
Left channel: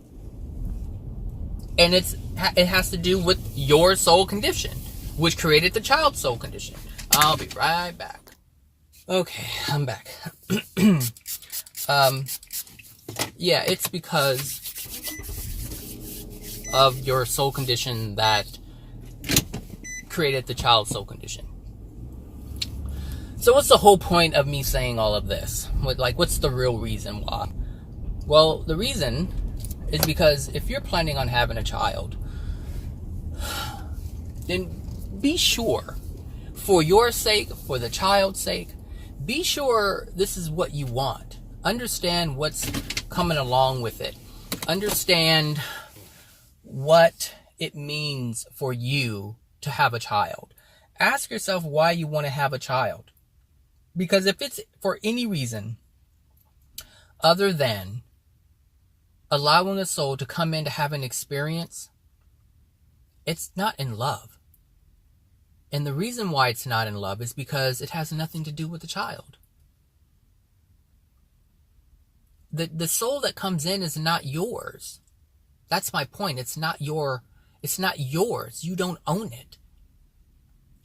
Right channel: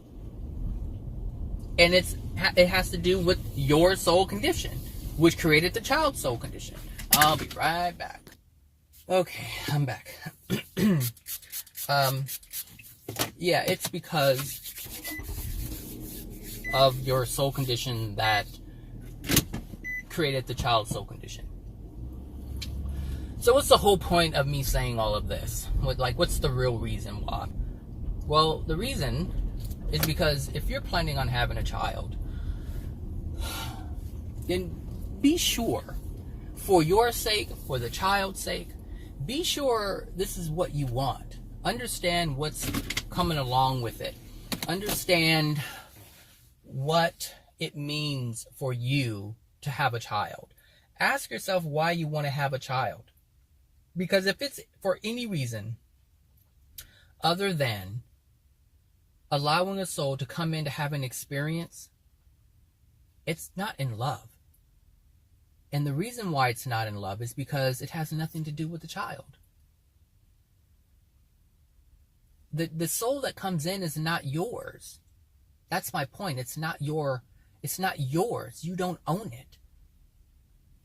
And it has to do with your soul condition, which created the child's soul condition. I'll be right back. Okay, I'm back. Yeah, it's because of your soul condition that created the child's soul condition. So what's the whole point of me saying all of this? What's the real reason why? Well, the reason is because if you're planning on having a child, then be sure, for your sake, for the child's sake, be sure this is what you want. Understand what's coming along with it. Understand what it means for you to have a child. Ask yourself why you want to have a child. Because if it's for any reason other than allowing a soul to come in to have an experience, it's not in love. And the reason why it's not in love is because it has nothing to do with the child. The soul that comes in is not yours. That's my point. It's not yours. You don't own it.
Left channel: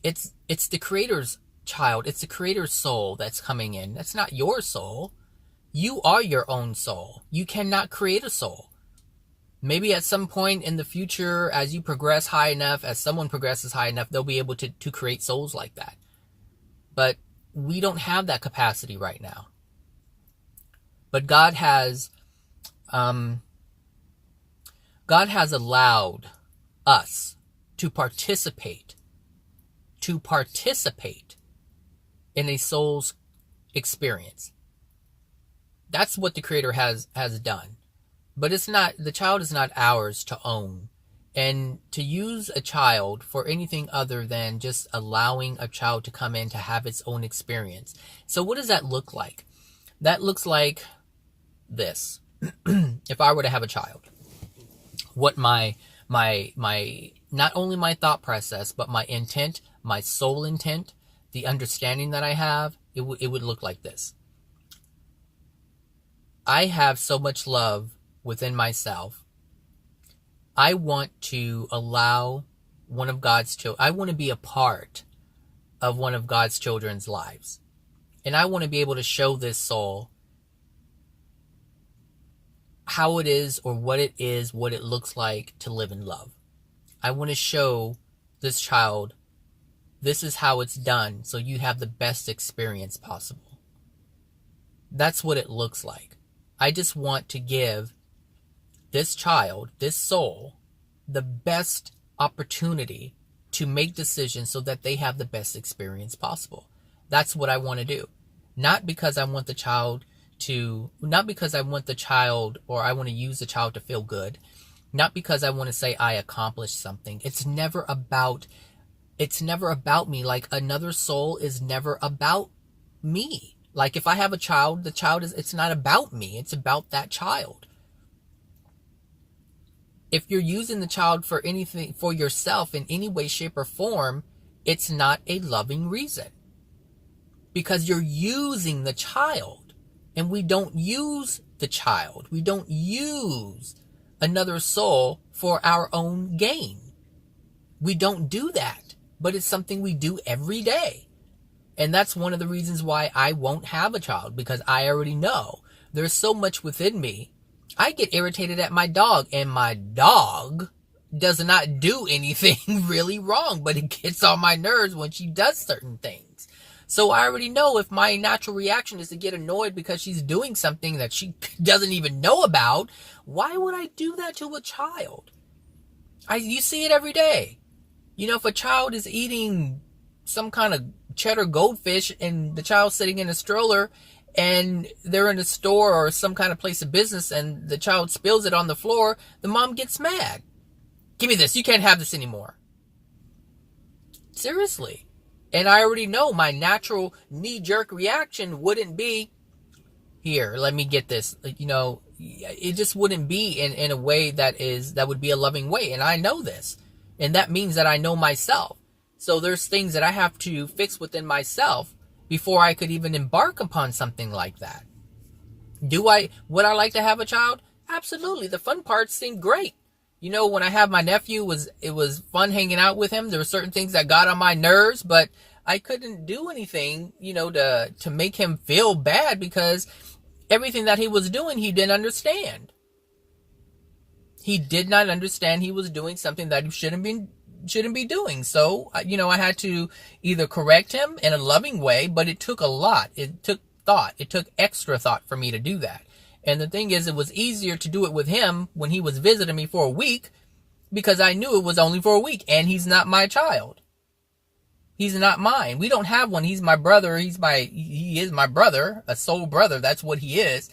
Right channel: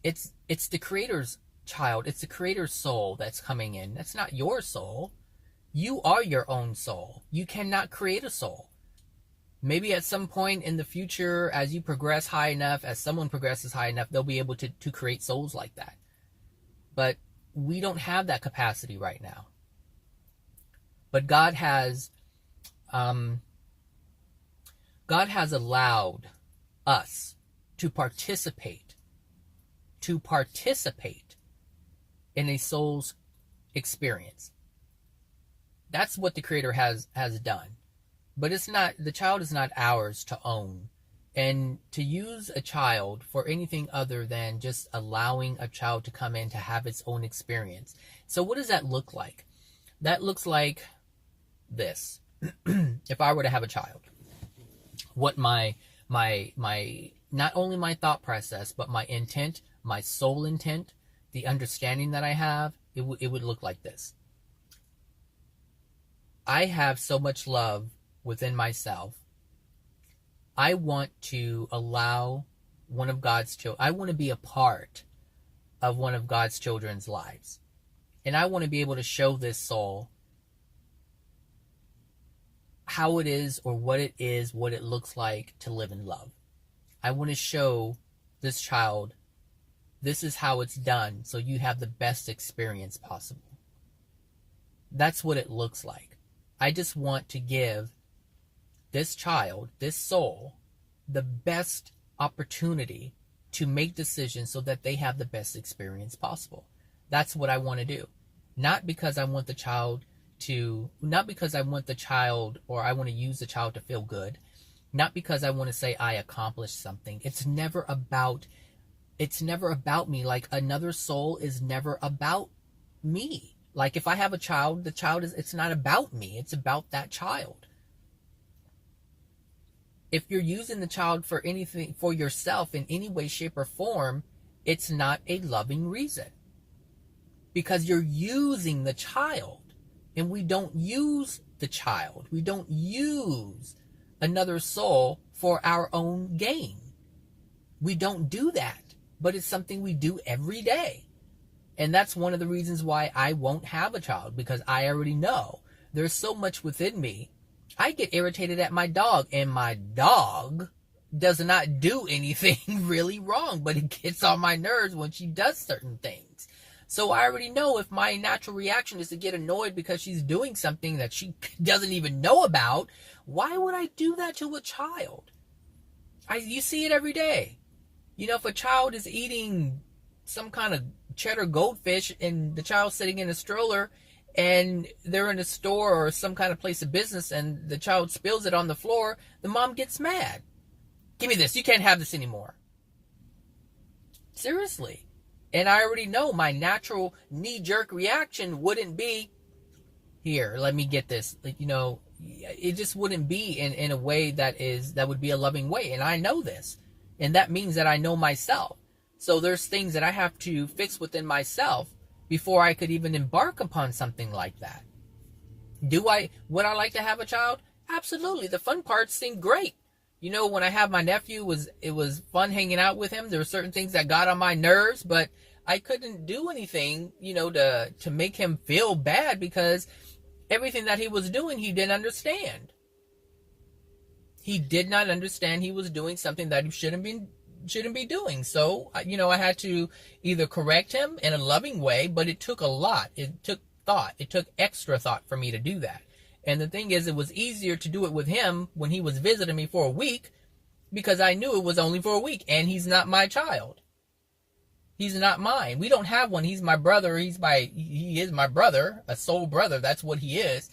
It's the creator's child. It's the creator's soul that's coming in. That's not your soul. You are your own soul. You cannot create a soul. Maybe at some point in the future, as you progress high enough, as someone progresses high enough, they'll be able to create souls like that. But we don't have that capacity right now. But God has allowed us to participate in a soul's experience. That's what the Creator has done. But the child is not ours to own. And to use a child for anything other than just allowing a child to come in to have its own experience. So what does that look like? That looks like this. If I were to have a child, what my not only my thought process, but my intent, my soul intent, the understanding that I have, it would look like this. I have so much love within myself. I want to allow one of God's children, I want to be a part of one of God's children's lives. And I want to be able to show this soul how it is, or what it looks like to live in love. I want to show this child, this is how it's done, so you have the best experience possible. That's what it looks like. I just want to give this child, this soul, the best opportunity to make decisions so that they have the best experience possible. That's what I want to do. Not because I want the child or I want to use the child to feel good. Not because I want to say I accomplished something. It's never about me. Like, another soul is never about me. Like, if I have a child, it's not about me. It's about that child. If you're using the child for anything, for yourself in any way, shape, or form, it's not a loving reason. Because you're using the child. And we don't use the child. We don't use another soul for our own gain. We don't do that. But it's something we do every day. And that's one of the reasons why I won't have a child. Because I already know there's so much within me. I get irritated at my dog, and my dog does not do anything really wrong, but it gets on my nerves when she does certain things. So I already know if my natural reaction is to get annoyed because she's doing something that she doesn't even know about, why would I do that to a child? You see it every day. You know, if a child is eating some kind of cheddar goldfish and the child's sitting in a stroller, and they're in a store or some kind of place of business, and the child spills it on the floor, the mom gets mad. Give me this. You can't have this anymore. Seriously. And I already know my natural knee-jerk reaction wouldn't be, here, let me get this. You know, it just wouldn't be in a way that would be a loving way. And I know this. And that means that I know myself. So there's things that I have to fix within myself before I could even embark upon something like that. Would I like to have a child? Absolutely. The fun parts seem great. You know, when I have my nephew, it was fun hanging out with him. There were certain things that got on my nerves, but I couldn't do anything, you know, to make him feel bad, because everything that he was doing, he didn't understand. He did not understand he was doing something that he shouldn't be doing. So, you know, I had to either correct him in a loving way, but it took a lot. It took thought. It took extra thought for me to do that. And the thing is, it was easier to do it with him when he was visiting me for a week, because I knew it was only for a week, and he's not my child. He's not mine. We don't have one. He's my brother. He is my brother, a soul brother. That's what he is.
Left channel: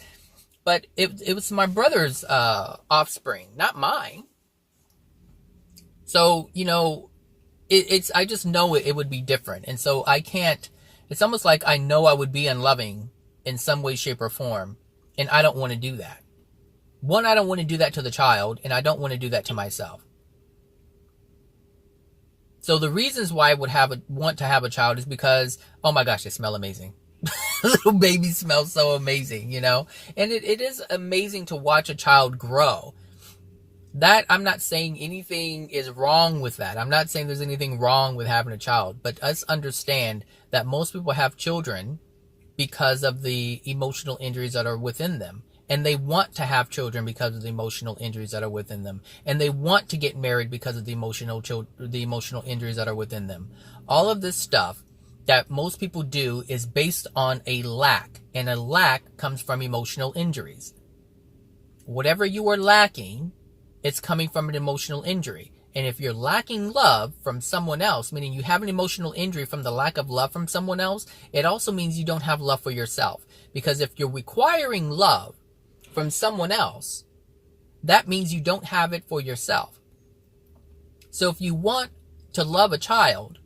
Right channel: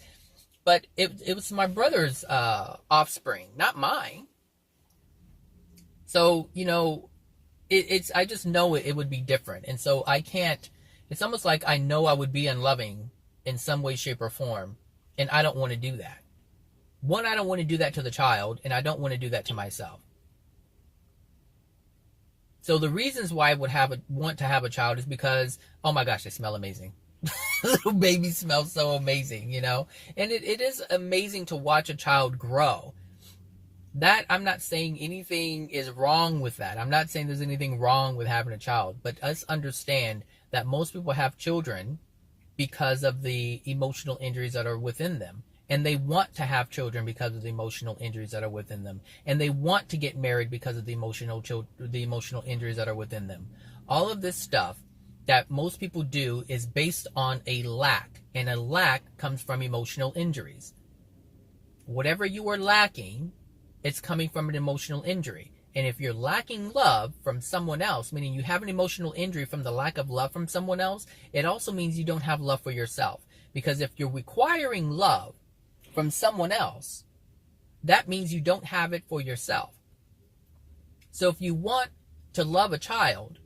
But it was my brother's offspring, not mine. So, you know, I just know it would be different. And so I can't, it's almost like I know I would be unloving in some way, shape, or form. And I don't want to do that. One, I don't want to do that to the child, and I don't want to do that to myself. So the reasons why I would want to have a child is because, oh my gosh, they smell amazing. Little babies smell so amazing, you know. And it is amazing to watch a child grow. That, I'm not saying anything is wrong with that. I'm not saying there's anything wrong with having a child. But us understand that most people have children because of the emotional injuries that are within them. And they want to have children because of the emotional injuries that are within them. And they want to get married because of the emotional injuries that are within them. All of this stuff that most people do is based on a lack. And a lack comes from emotional injuries. Whatever you are lacking, it's coming from an emotional injury. And if you're lacking love from someone else, meaning you have an emotional injury from the lack of love from someone else, it also means you don't have love for yourself. Because if you're requiring love from someone else, that means you don't have it for yourself. So if you want to love a child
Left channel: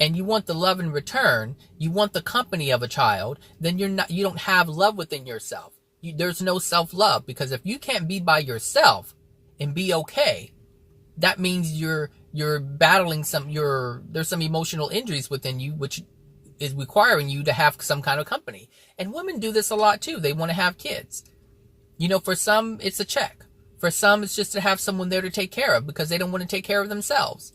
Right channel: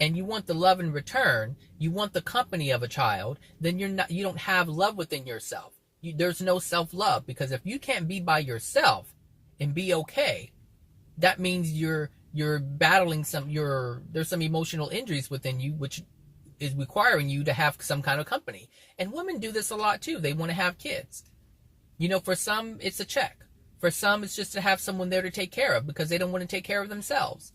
and you want the love in return, you want the company of a child, then you don't have love within yourself. There's no self-love, because if you can't be by yourself and be okay, that means you're battling there's some emotional injuries within you, which is requiring you to have some kind of company. And women do this a lot too. They want to have kids. You know, for some, it's a check. For some, it's just to have someone there to take care of because they don't want to take care of themselves.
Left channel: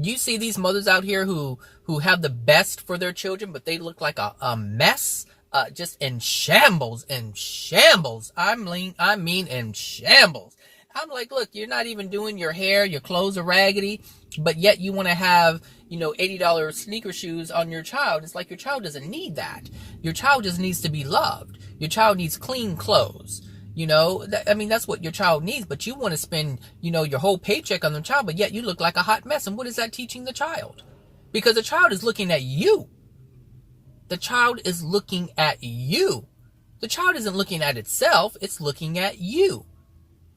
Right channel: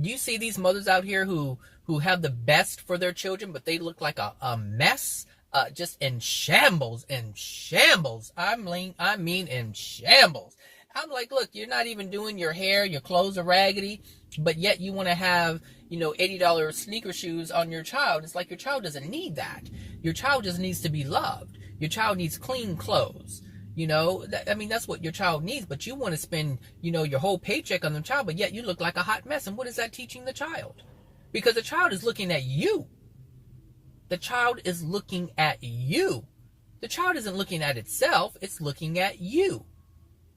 You see these mothers out here who have the best for their children, but they look like a mess, just in shambles, I mean in shambles. I'm like, look, you're not even doing your hair, your clothes are raggedy, but yet you want to have, $80 sneaker shoes on your child. It's like your child doesn't need that. Your child just needs to be loved. Your child needs clean clothes. That's what your child needs, but you want to spend, your whole paycheck on the child, but yet you look like a hot mess. And what is that teaching the child? Because the child is looking at you. The child is looking at you. The child isn't looking at itself. It's looking at you.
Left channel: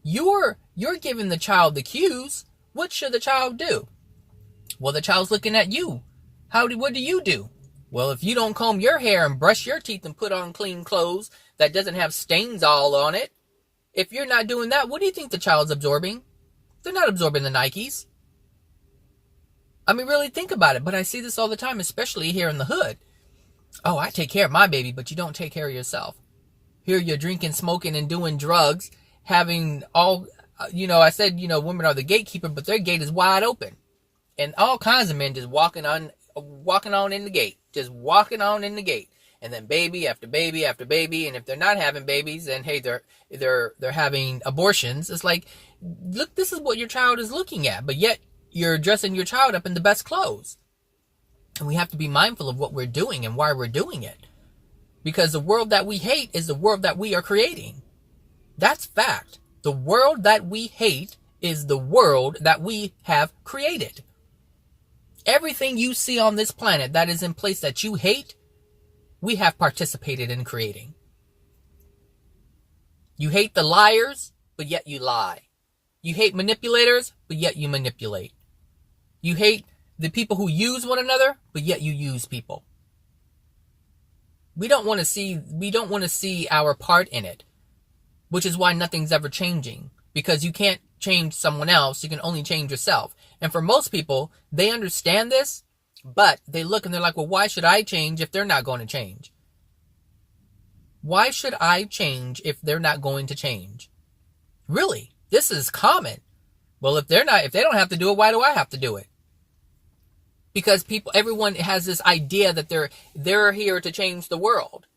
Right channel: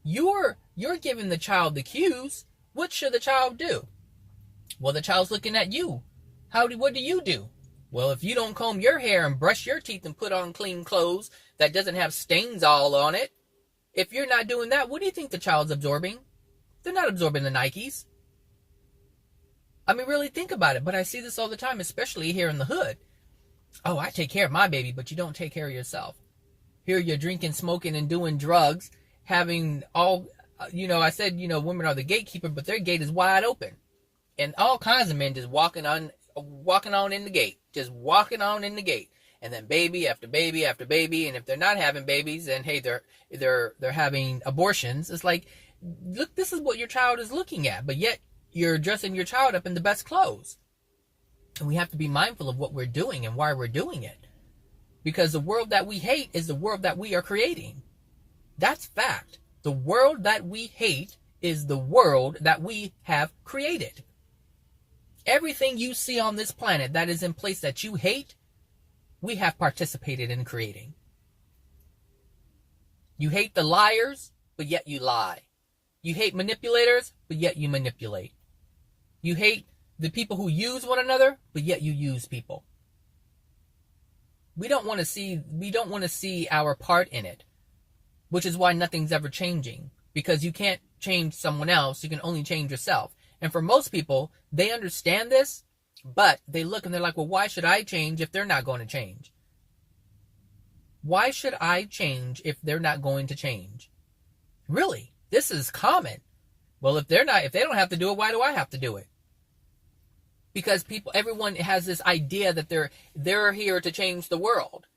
You're giving the child the cues. What should the child do? Well, the child's looking at you. What do you do? Well, if you don't comb your hair and brush your teeth and put on clean clothes that doesn't have stains all on it, if you're not doing that, what do you think the child's absorbing? They're not absorbing the Nikes. Really think about it. But I see this all the time, especially here in the hood. Oh, I take care of my baby, but you don't take care of yourself. Here you're drinking, smoking, and doing drugs, having all, I said, women are the gatekeeper, but their gate is wide open. And all kinds of men just walking on in the gate. Just walking on in the gate. And then baby after baby after baby. And if they're not having babies, then hey, they're having abortions. It's like, look, this is what your child is looking at. But yet you're dressing your child up in the best clothes. And we have to be mindful of what we're doing and why we're doing it. Because the world that we hate is the world that we are creating. That's fact. The world that we hate is the world that we have created. Everything you see on this planet that is in place that you hate, we have participated in creating. You hate the liars, but yet you lie. You hate manipulators, but yet you manipulate. You hate the people who use one another, but yet you use people. We don't want to see our part in it, which is why nothing's ever changing, because you can't change someone else. You can only change yourself. And for most people, they understand this, but they look and they're like, well, why should I change if they're not going to change? Why should I change if they're not going to change? Really? This is common. Well, if they don't have to do it, why do I have to do it? Because everyone has this idea that they're here to change the world.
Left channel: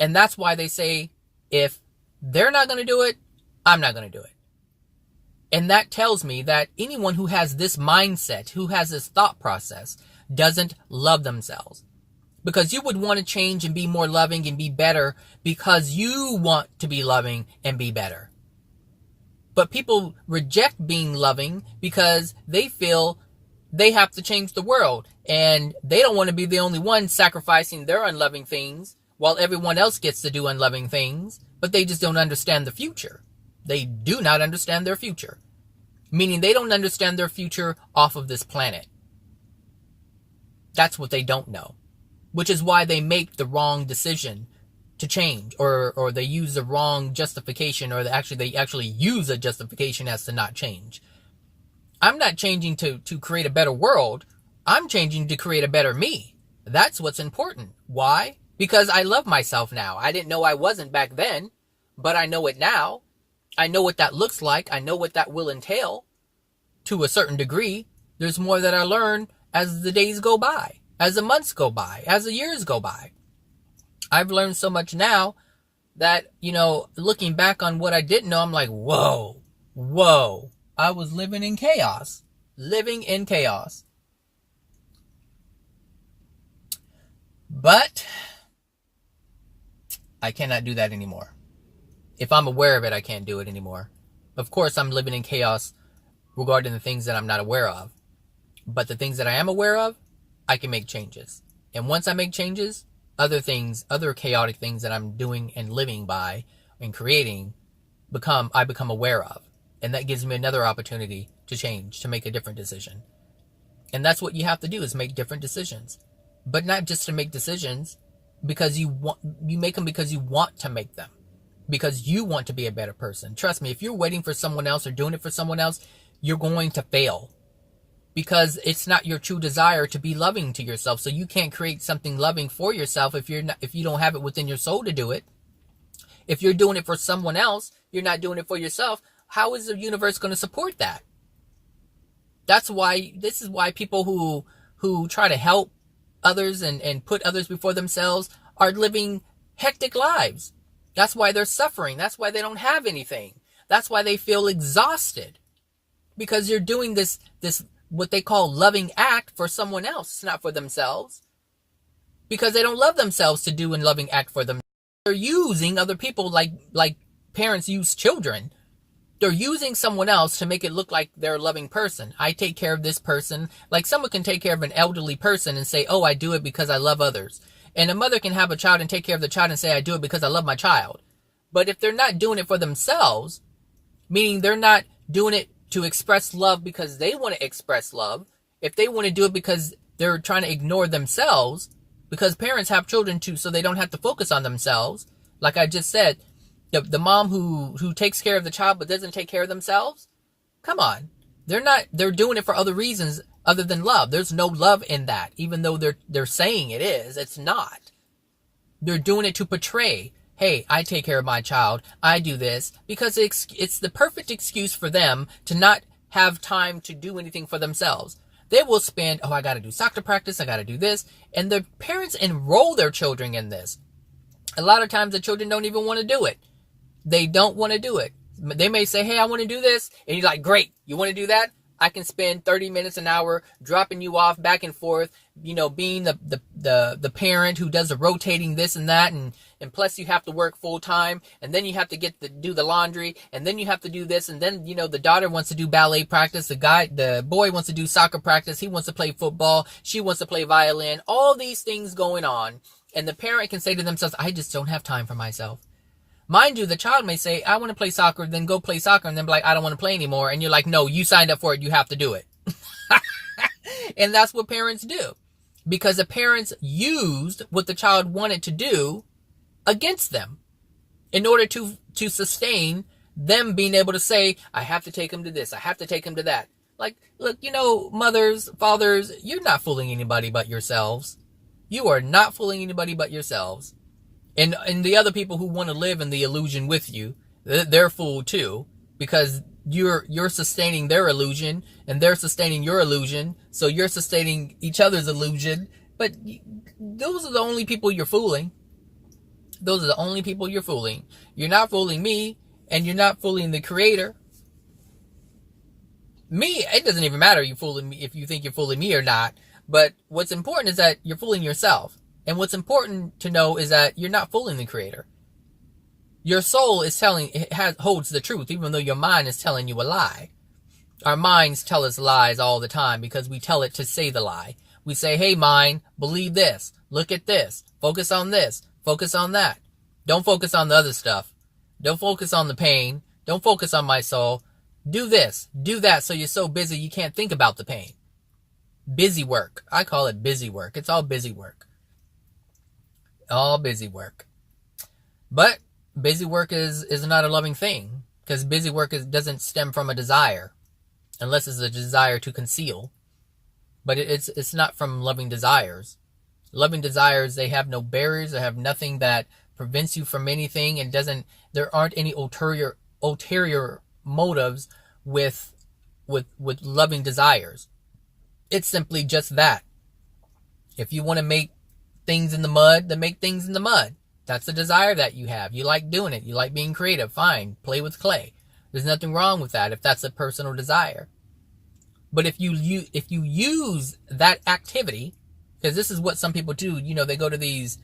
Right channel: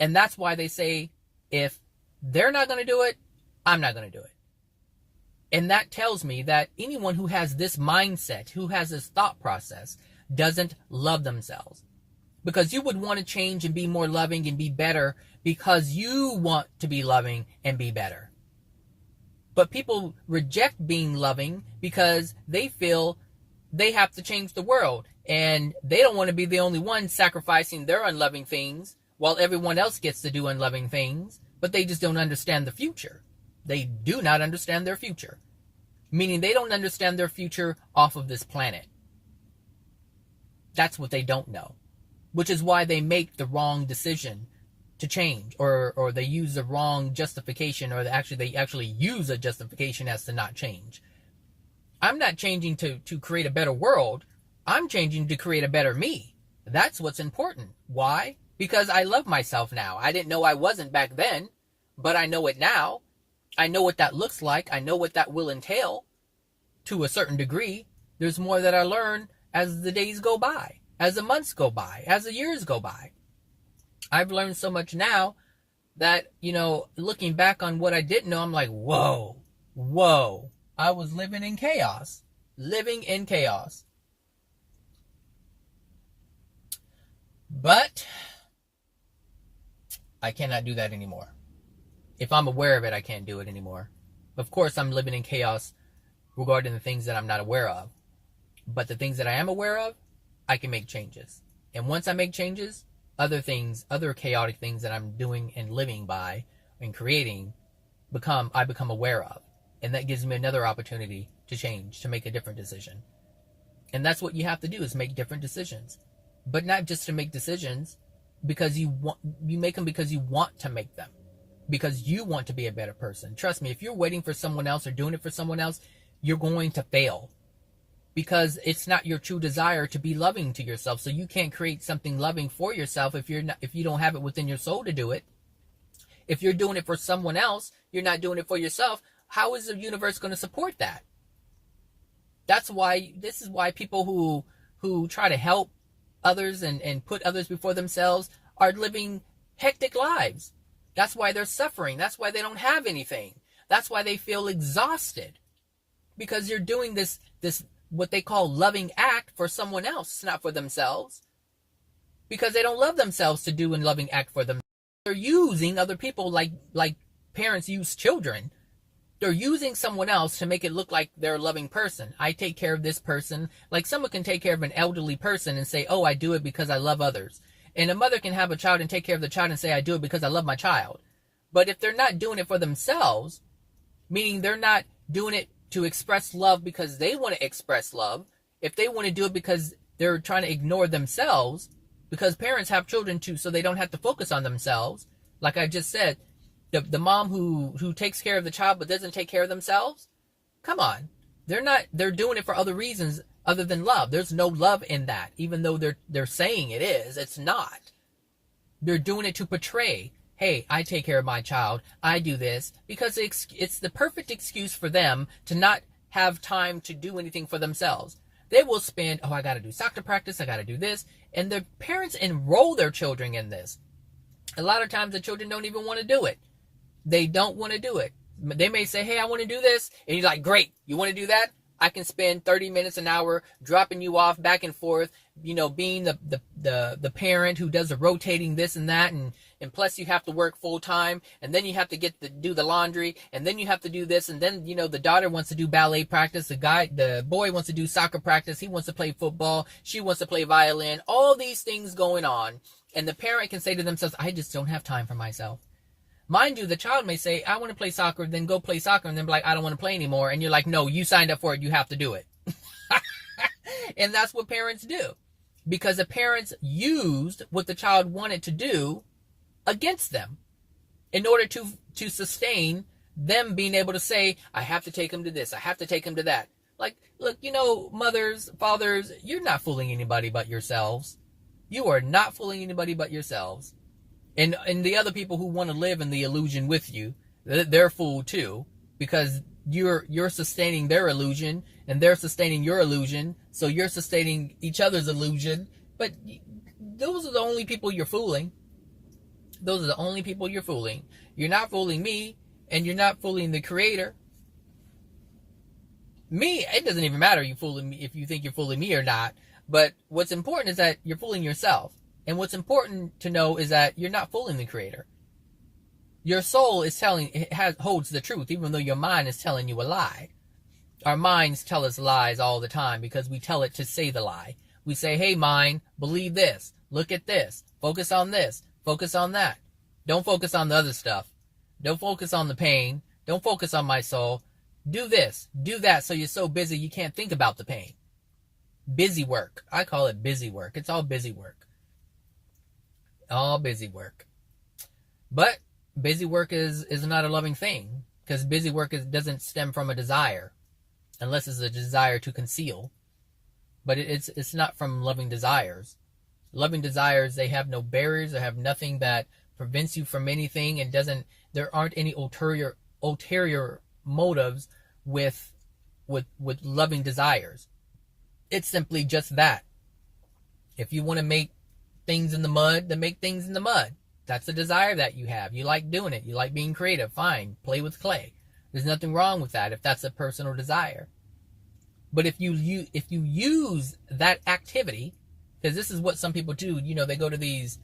And that's why they say, if they're not going to do it, I'm not going to do it. And that tells me that anyone who has this mindset, who has this thought process, doesn't love themselves. Because you would want to change and be more loving and be better because you want to be loving and be better. But people reject being loving because they feel they have to change the world. And they don't want to be the only one sacrificing their unloving things while everyone else gets to do unloving things. But they just don't understand the future. They do not understand their future. Meaning they don't understand their future off of this planet. That's what they don't know. Which is why they make the wrong decision to change. Or they use the wrong justification. Or they actually use a justification as to not change. I'm not changing to create a better world. I'm changing to create a better me. That's what's important. Why? Because I love myself now. I didn't know I wasn't back then. But I know it now. I know what that looks like. I know what that will entail to a certain degree. There's more that I learn as the days go by, as the months go by, as the years go by. I've learned so much now that, looking back on what I didn't know, I'm like, whoa. I was living in chaos. But I cannot do that anymore. If I'm aware of it, I can't do it anymore. Of course, I'm living in chaos regarding the things that I'm not aware of. But the things that I am aware of, I can make changes. And once I make changes, other chaotic things that I'm doing and living by and creating, I become aware of. And that gives me another opportunity to change, to make a different decision. And that's what you have to do, is make different decisions. But not just to make decisions because you make them because you want to make them. Because you want to be a better person. Trust me, if you're waiting for someone else or doing it for someone else, you're going to fail. Because it's not your true desire to be loving to yourself. So you can't create something loving for yourself if you don't have it within your soul to do it. If you're doing it for someone else, you're not doing it for yourself. how is the universe going to support that? This is why people who try to help others and put others before themselves are living hectic lives. That's why they're suffering. That's why they don't have anything. That's why they feel exhausted. Because you're doing this what they call loving act for someone else, not for themselves. Because they don't love themselves to do a loving act for them. They're using other people like parents use children. They're using someone else to make it look like they're a loving person. I take care of this person. Like someone can take care of an elderly person and say, oh, I do it because I love others. And a mother can have a child and take care of the child and say, I do it because I love my child. But if they're not doing it for themselves, meaning they're not doing it to express love because they want to express love, if they want to do it because they're trying to ignore themselves, because parents have children too, so they don't have to focus on themselves. Like I just said, the mom who takes care of the child but doesn't take care of themselves, come on. They're doing it for other reasons other than love. There's no love in that, even though they're saying it is. It's not. They're doing it to portray, hey, I take care of my child. I do this because it's the perfect excuse for them to not have time to do anything for themselves. They will spend, oh, I got to do soccer practice. I got to do this. And the parents enroll their children in this. A lot of times the children don't even want to do it. They don't want to do it. They may say, hey, I want to do this. And you're like, great. You want to do that? I can spend 30 minutes an hour dropping you off back and forth, being the parent who does the rotating this and that. And plus you have to work full time. And then you have to do the laundry. And then you have to do this. And then, the daughter wants to do ballet practice. The boy wants to do soccer practice. He wants to play football. She wants to play violin. All these things going on. And the parent can say to themselves, I just don't have time for myself. Mind you, the child may say, I want to play soccer, then go play soccer, and then be like, I don't want to play anymore. And you're like, no, you signed up for it. You have to do it. And that's what parents do. Because the parents used what the child wanted to do against them in order to sustain them being able to say, I have to take him to this. I have to take him to that. Like, look, mothers, fathers, you're not fooling anybody but yourselves. You are not fooling anybody but yourselves. And the other people who want to live in the illusion with you, they're fooled too, because you're sustaining their illusion and they're sustaining your illusion. So you're sustaining each other's illusion. But those are the only people you're fooling. Those are the only people you're fooling. You're not fooling me, and you're not fooling the creator. Me, it doesn't even matter you fooling me if you think you're fooling me or not. But what's important is that you're fooling yourself. And what's important to know is that you're not fooling the creator. Your soul is holds the truth, even though your mind is telling you a lie. Our minds tell us lies all the time because we tell it to say the lie. We say, hey, mind, believe this. Look at this. Focus on this. Focus on that. Don't focus on the other stuff. Don't focus on the pain. Don't focus on my soul. Do this. Do that so you're so busy you can't think about the pain. Busy work. I call it busy work. It's all busy work. All busy work. But busy work is not a loving thing, because busy work doesn't stem from a desire, unless it's a desire to conceal. But it's not from loving desires. Loving desires, they have no barriers. They have nothing that prevents you from anything. And there aren't any ulterior motives with loving desires. It's simply just that. If you want to make things in the mud, then make things in the mud. That's a desire that you have. You like doing it. You like being creative. Fine. Play with clay. There's nothing wrong with that if that's a personal desire. But if you use that activity, because this is what some people do, they go to these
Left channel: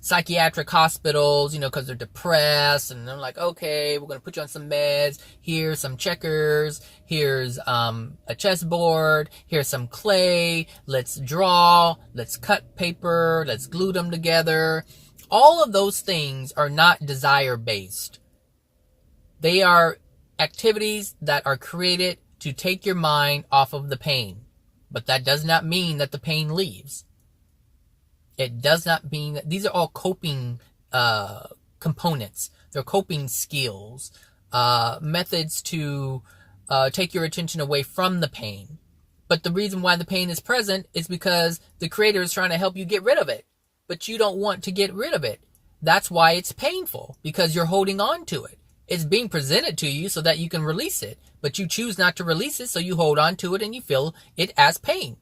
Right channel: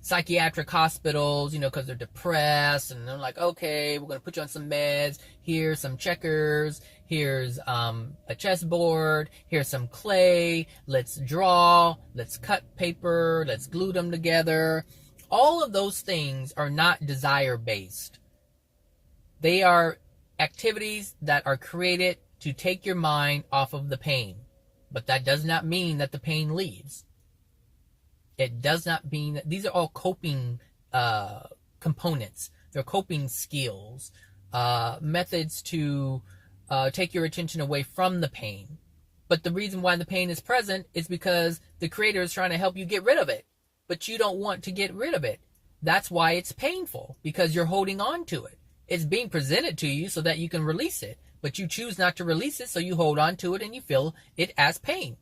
psychiatric hospitals, because they're depressed, and they're like, okay, we're going to put you on some meds. Here's some checkers. Here's a chessboard. Here's some clay. Let's draw. Let's cut paper. Let's glue them together. All of those things are not desire-based. They are activities that are created to take your mind off of the pain. But that does not mean that the pain leaves. It does not mean that these are all coping components. They're coping skills, methods to take your attention away from the pain. But the reason why the pain is present is because the creator is trying to help you get rid of it. But you don't want to get rid of it. That's why it's painful, because you're holding on to it. It's being presented to you so that you can release it, but you choose not to release it, so you hold on to it and you feel it as pain.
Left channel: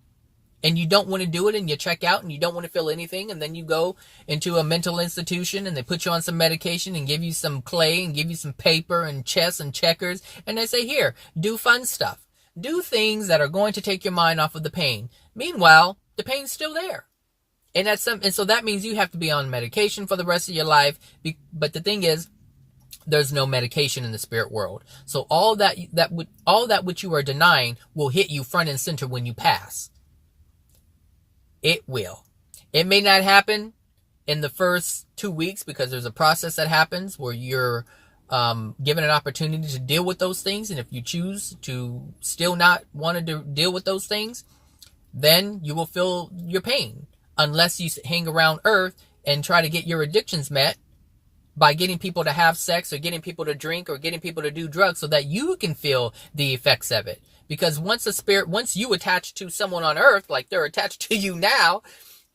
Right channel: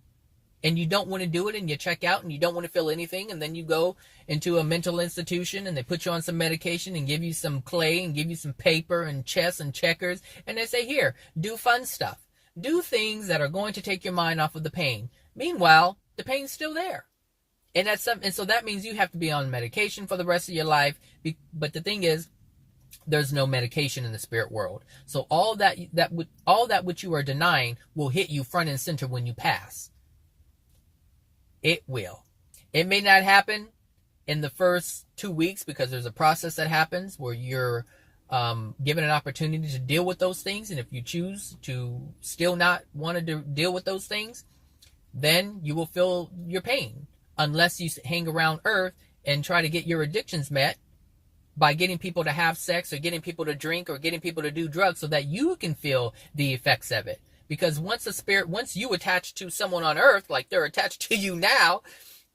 And you don't want to do it, and you check out and you don't want to feel anything, and then you go into a mental institution and they put you on some medication and give you some clay and give you some paper and chess and checkers, and they say, here, do fun stuff. Do things that are going to take your mind off of the pain. Meanwhile, the pain's still there. And so that means you have to be on medication for the rest of your life. But the thing is, there's no medication in the spirit world. So all that which you are denying will hit you front and center when you pass. It will. It may not happen in the first 2 weeks, because there's a process that happens where you're given an opportunity to deal with those things. And if you choose to still not want to deal with those things, then you will feel your pain, unless you hang around earth and try to get your addictions met by getting people to have sex or getting people to drink or getting people to do drugs so that you can feel the effects of it. Because once you attach to someone on earth, like they're attached to you now,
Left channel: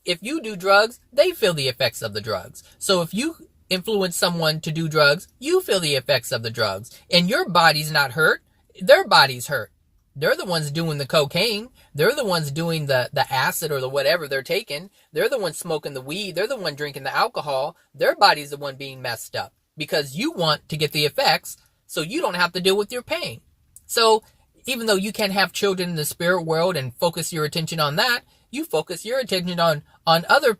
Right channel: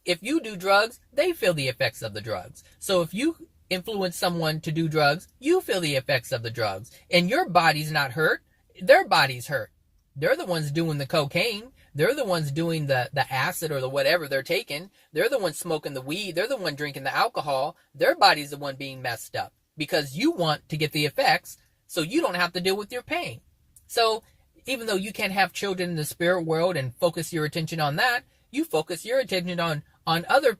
if you do drugs, they feel the effects of the drugs. So if you influence someone to do drugs, you feel the effects of the drugs. And your body's not hurt. Their body's hurt. They're the ones doing the cocaine. They're the ones doing the acid or the whatever they're taking. They're the ones smoking the weed. They're the one drinking the alcohol. Their body's the one being messed up because you want to get the effects so you don't have to deal with your pain. So even though you can have children in the spirit world and focus your attention on that, you focus your attention on other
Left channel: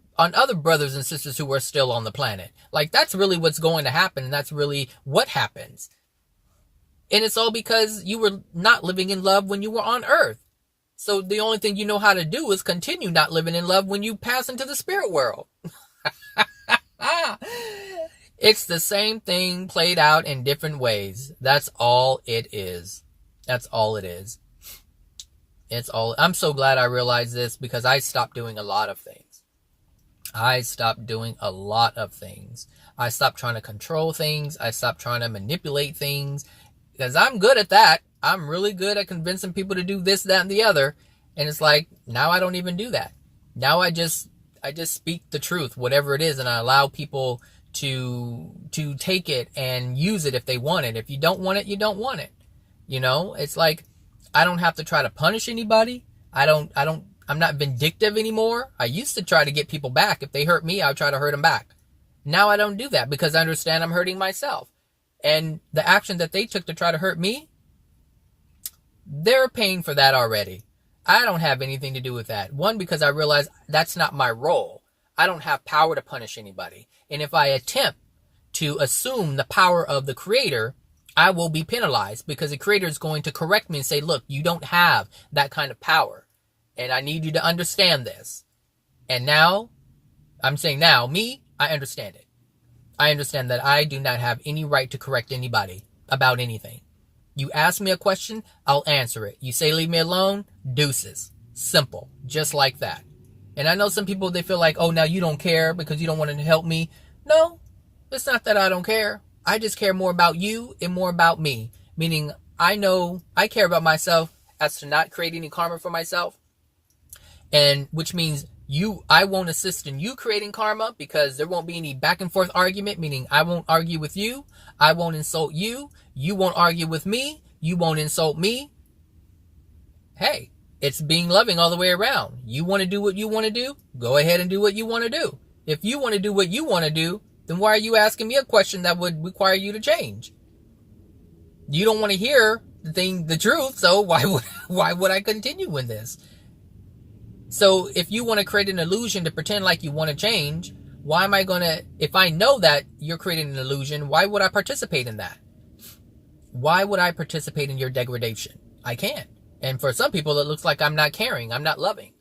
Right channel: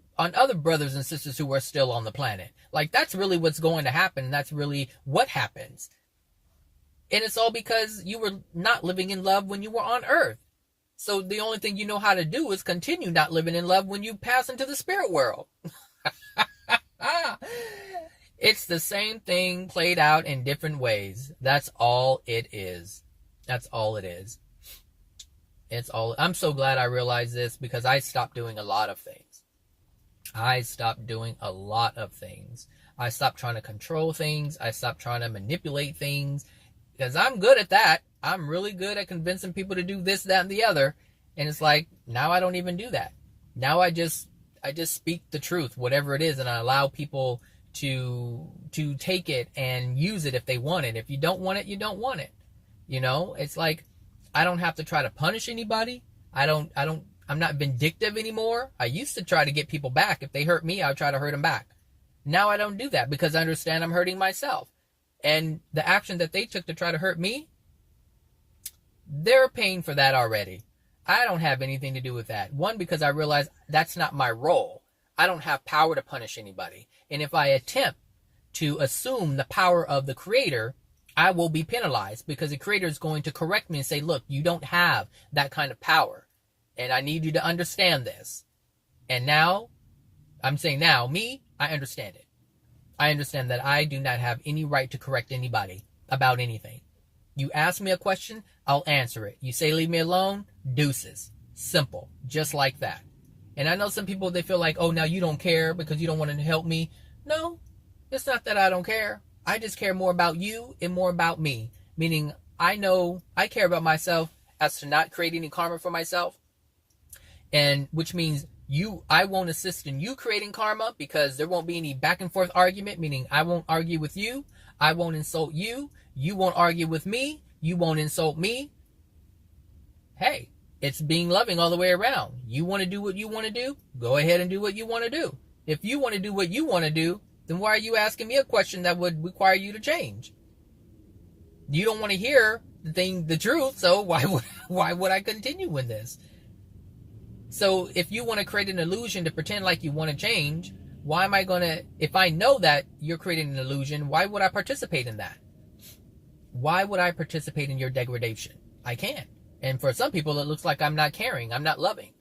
brothers and sisters who are still on the planet. Like, that's really what's going to happen. And that's really what happens. And it's all because you were not living in love when you were on earth. So the only thing you know how to do is continue not living in love when you pass into the spirit world. It's the same thing played out in different ways. That's all it is. That's all it is. I'm so glad I realized this, because I stopped doing a lot of things. I stopped trying to control things. I stopped trying to manipulate things, because I'm good at that. I'm really good at convincing people to do this, that, and the other. And it's like, now I don't even do that. Now I just speak the truth, whatever it is, and I allow people to take it and use it if they want it. If you don't want it, you don't want it. You know, it's like, I don't have to try to punish anybody. I'm not vindictive anymore. I used to try to get people back. If they hurt me, I would try to hurt them back. Now I don't do that, because I understand I'm hurting myself. And the action that they took to try to hurt me, they're paying for that already. I don't have anything to do with that. One, because I realize that's not my role. I don't have power to punish anybody. And if I attempt to assume the power of the Creator, I will be penalized, because the Creator is going to correct me and say, look, you don't have that kind of power. And I need you to understand this. And now, I'm saying now, me, I understand it. I understand that I do not have any right to correct anybody about anything. You ask me a question, I'll answer it. You say leave me alone, deuces. Simple. Just like that. And I know some people, they feel like, oh, now you don't care because you don't want to help me. No, it's not that I don't care. I just care more about you and more about me. Meaning, I know I care about myself as to not create any karma for myself. And which means I won't assist in you creating karma, because there won't be any back and forth argument, meaning I won't argue with you. I won't insult you. You won't argue with me. You won't insult me. Hey, it's being loving all the way around. You want to do what you want to do? Go ahead and do what you want to do. If you want to do what you want to do, then why are you asking me a question that would require you to change? You don't want to hear the truth, so why would I continue with this? So if you want to create an illusion to pretend like you want to change, why am I going to, if I know that you're creating an illusion, why would I participate in that? Why would I participate in your degradation? I can't. And for some people, it looks like I'm not caring, I'm not loving.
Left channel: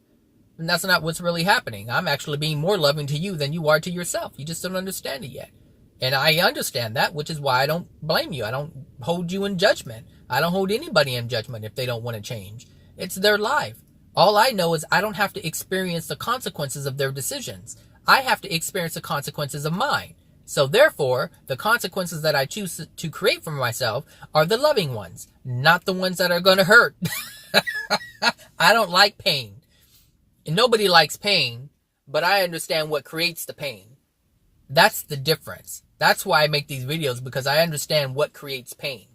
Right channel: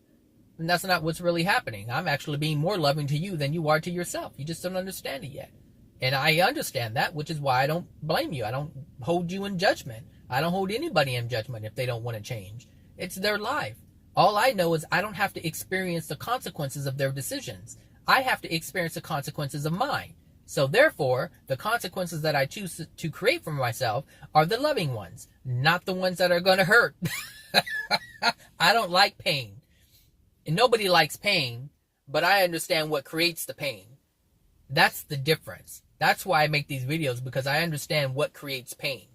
And that's not what's really happening. I'm actually being more loving to you than you are to yourself. You just don't understand it yet. And I understand that, which is why I don't blame you. I don't hold you in judgment. I don't hold anybody in judgment if they don't want to change. It's their life. All I know is I don't have to experience the consequences of their decisions. I have to experience the consequences of mine. So therefore, the consequences that I choose to create for myself are the loving ones, not the ones that are going to hurt. I don't like pain. And nobody likes pain, but I understand what creates the pain. That's the difference. That's why I make these videos, because I understand what creates pain.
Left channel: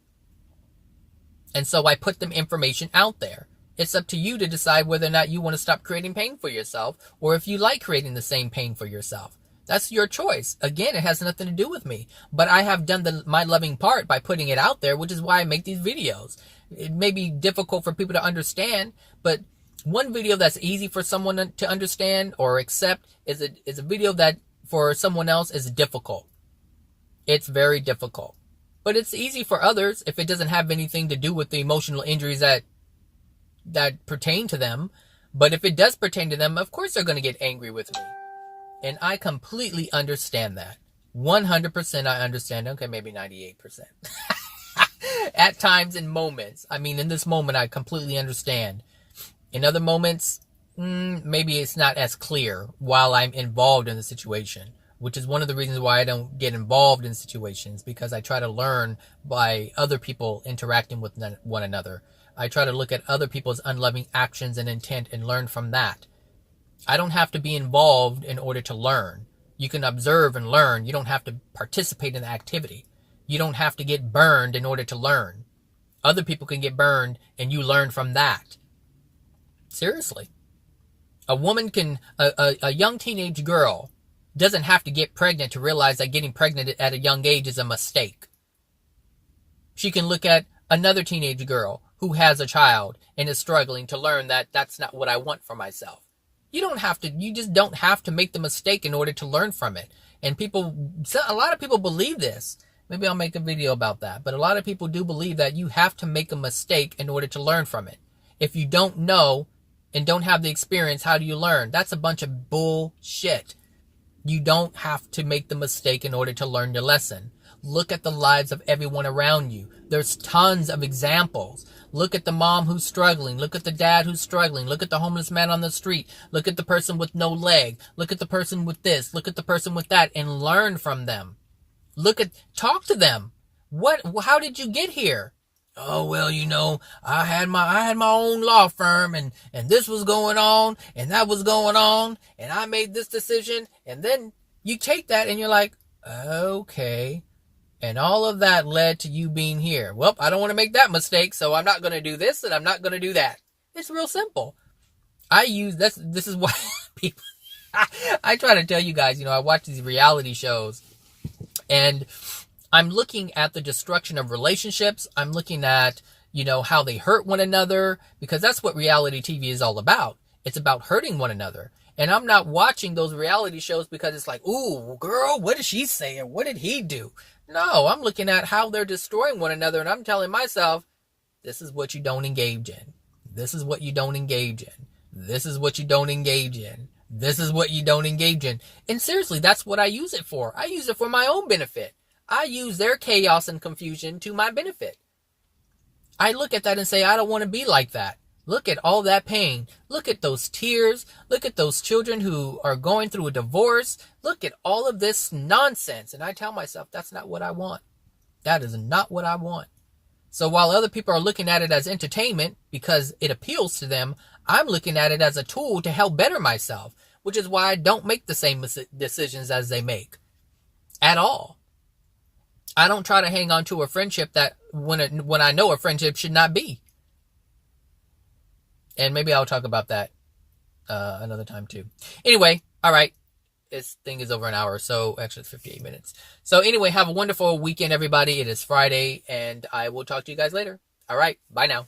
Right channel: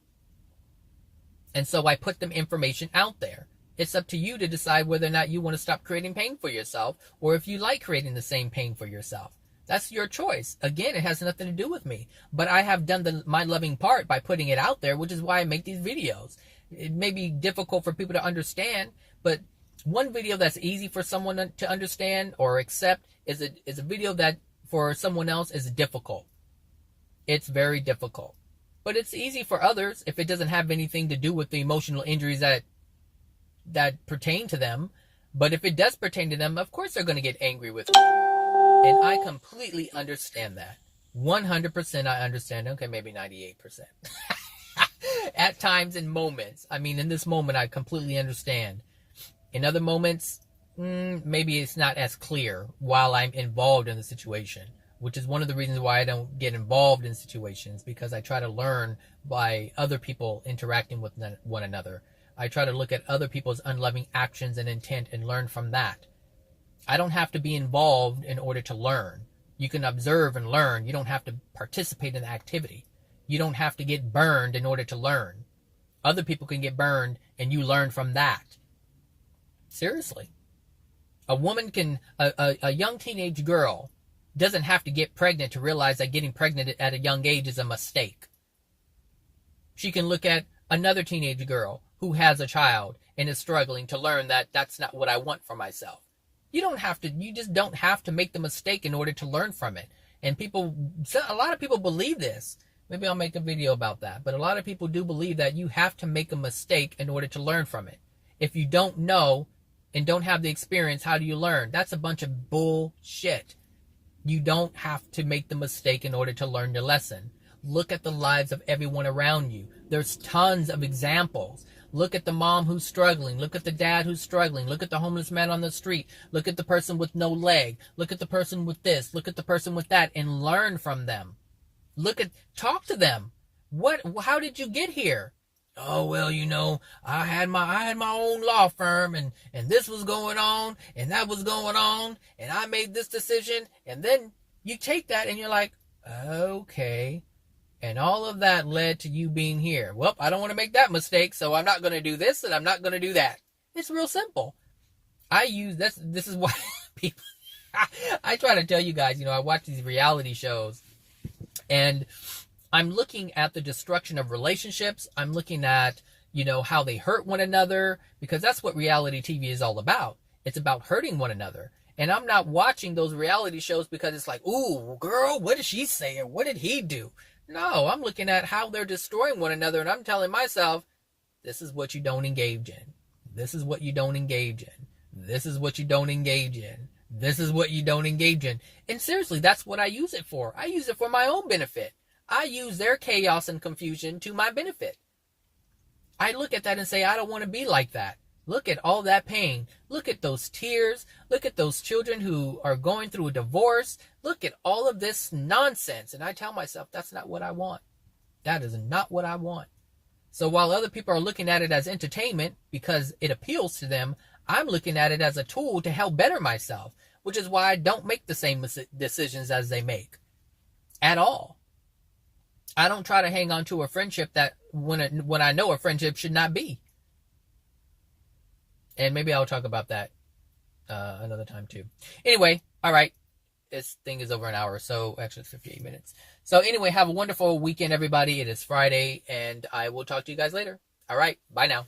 And so I put them information out there. It's up to you to decide whether or not you want to stop creating pain for yourself, or if you like creating the same pain for yourself. That's your choice. Again, it has nothing to do with me. But I have done my loving part by putting it out there, which is why I make these videos. It may be difficult for people to understand, but one video that's easy for someone to understand or accept is a video that for someone else is difficult. It's very difficult. But it's easy for others if it doesn't have anything to do with the emotional injuries that pertain to them. But if it does pertain to them, of course they're going to get angry with me. And I completely understand that. 100% I understand. Okay, maybe 98%. At times, in moments. I mean, in this moment, I completely understand. In other moments, maybe it's not as clear while I'm involved in the situation, which is one of the reasons why I don't get involved in situations, because I try to learn by other people interacting with one another. I try to look at other people's unloving actions and intent and learn from that. I don't have to be involved in order to learn. You can observe and learn. You don't have to participate in the activity. You don't have to get burned in order to learn. Other people can get burned and you learn from that. Seriously. A young teenage girl doesn't have to get pregnant to realize that getting pregnant at a young age is a mistake. She can look at another teenage girl who has a child and is struggling to learn that that's not what I want for myself. You just don't have to make the mistake in order to learn from it. And a lot of people believe this. Maybe I'll make a video about that. But a lot of people do believe that you have to make a mistake in order to learn from it. If you don't know and don't have the experience, how do you learn? That's a bunch of bullshit. You don't have to make the mistake in order to learn your lesson. Look at the lives of everyone around you. There's tons of examples. Look at the mom who's struggling. Look at the dad who's struggling. Look at the homeless man on the street. Look at the person with no leg. Look at the person with this. Look at the person with that, and learn from them. Talk to them. How did you get here? Oh, well, I had my own law firm, and this was going on, and that was going on, and I made this decision. And then you take that and you're like, okay. And all of that led to you being here. Well, I don't want to make that mistake, so I'm not going to do this and I'm not going to do that. It's real simple. This is why people, I try to tell you guys, I watch these reality shows and I'm looking at the destruction of relationships. I'm looking at, how they hurt one another, because that's what reality TV is all about. It's about hurting one another. And I'm not watching those reality shows because it's like, ooh, girl, what did she say? And what did he do? No, I'm looking at how they're destroying one another, and I'm telling myself, this is what you don't engage in. This is what you don't engage in. This is what you don't engage in. This is what you don't engage in. And seriously, that's what I use it for. I use it for my own benefit. I use their chaos and confusion to my benefit. I look at that and say, I don't want to be like that. Look at all that pain. Look at those tears. Look at those children who are going through a divorce. Look at all of this nonsense. And I tell myself, that's not what I want. That is not what I want. So while other people are looking at it as entertainment because it appeals to them, I'm looking at it as a tool to help better myself, which is why I don't make the same decisions as they make at all. I don't try to hang on to a friendship that when I know a friendship should not be. And maybe I'll talk about that another time too. Anyway, all right. This thing is over an hour, so actually it's 58 minutes. So anyway, have a wonderful weekend, everybody. It is Friday, and I will talk to you guys later. All right. Bye now.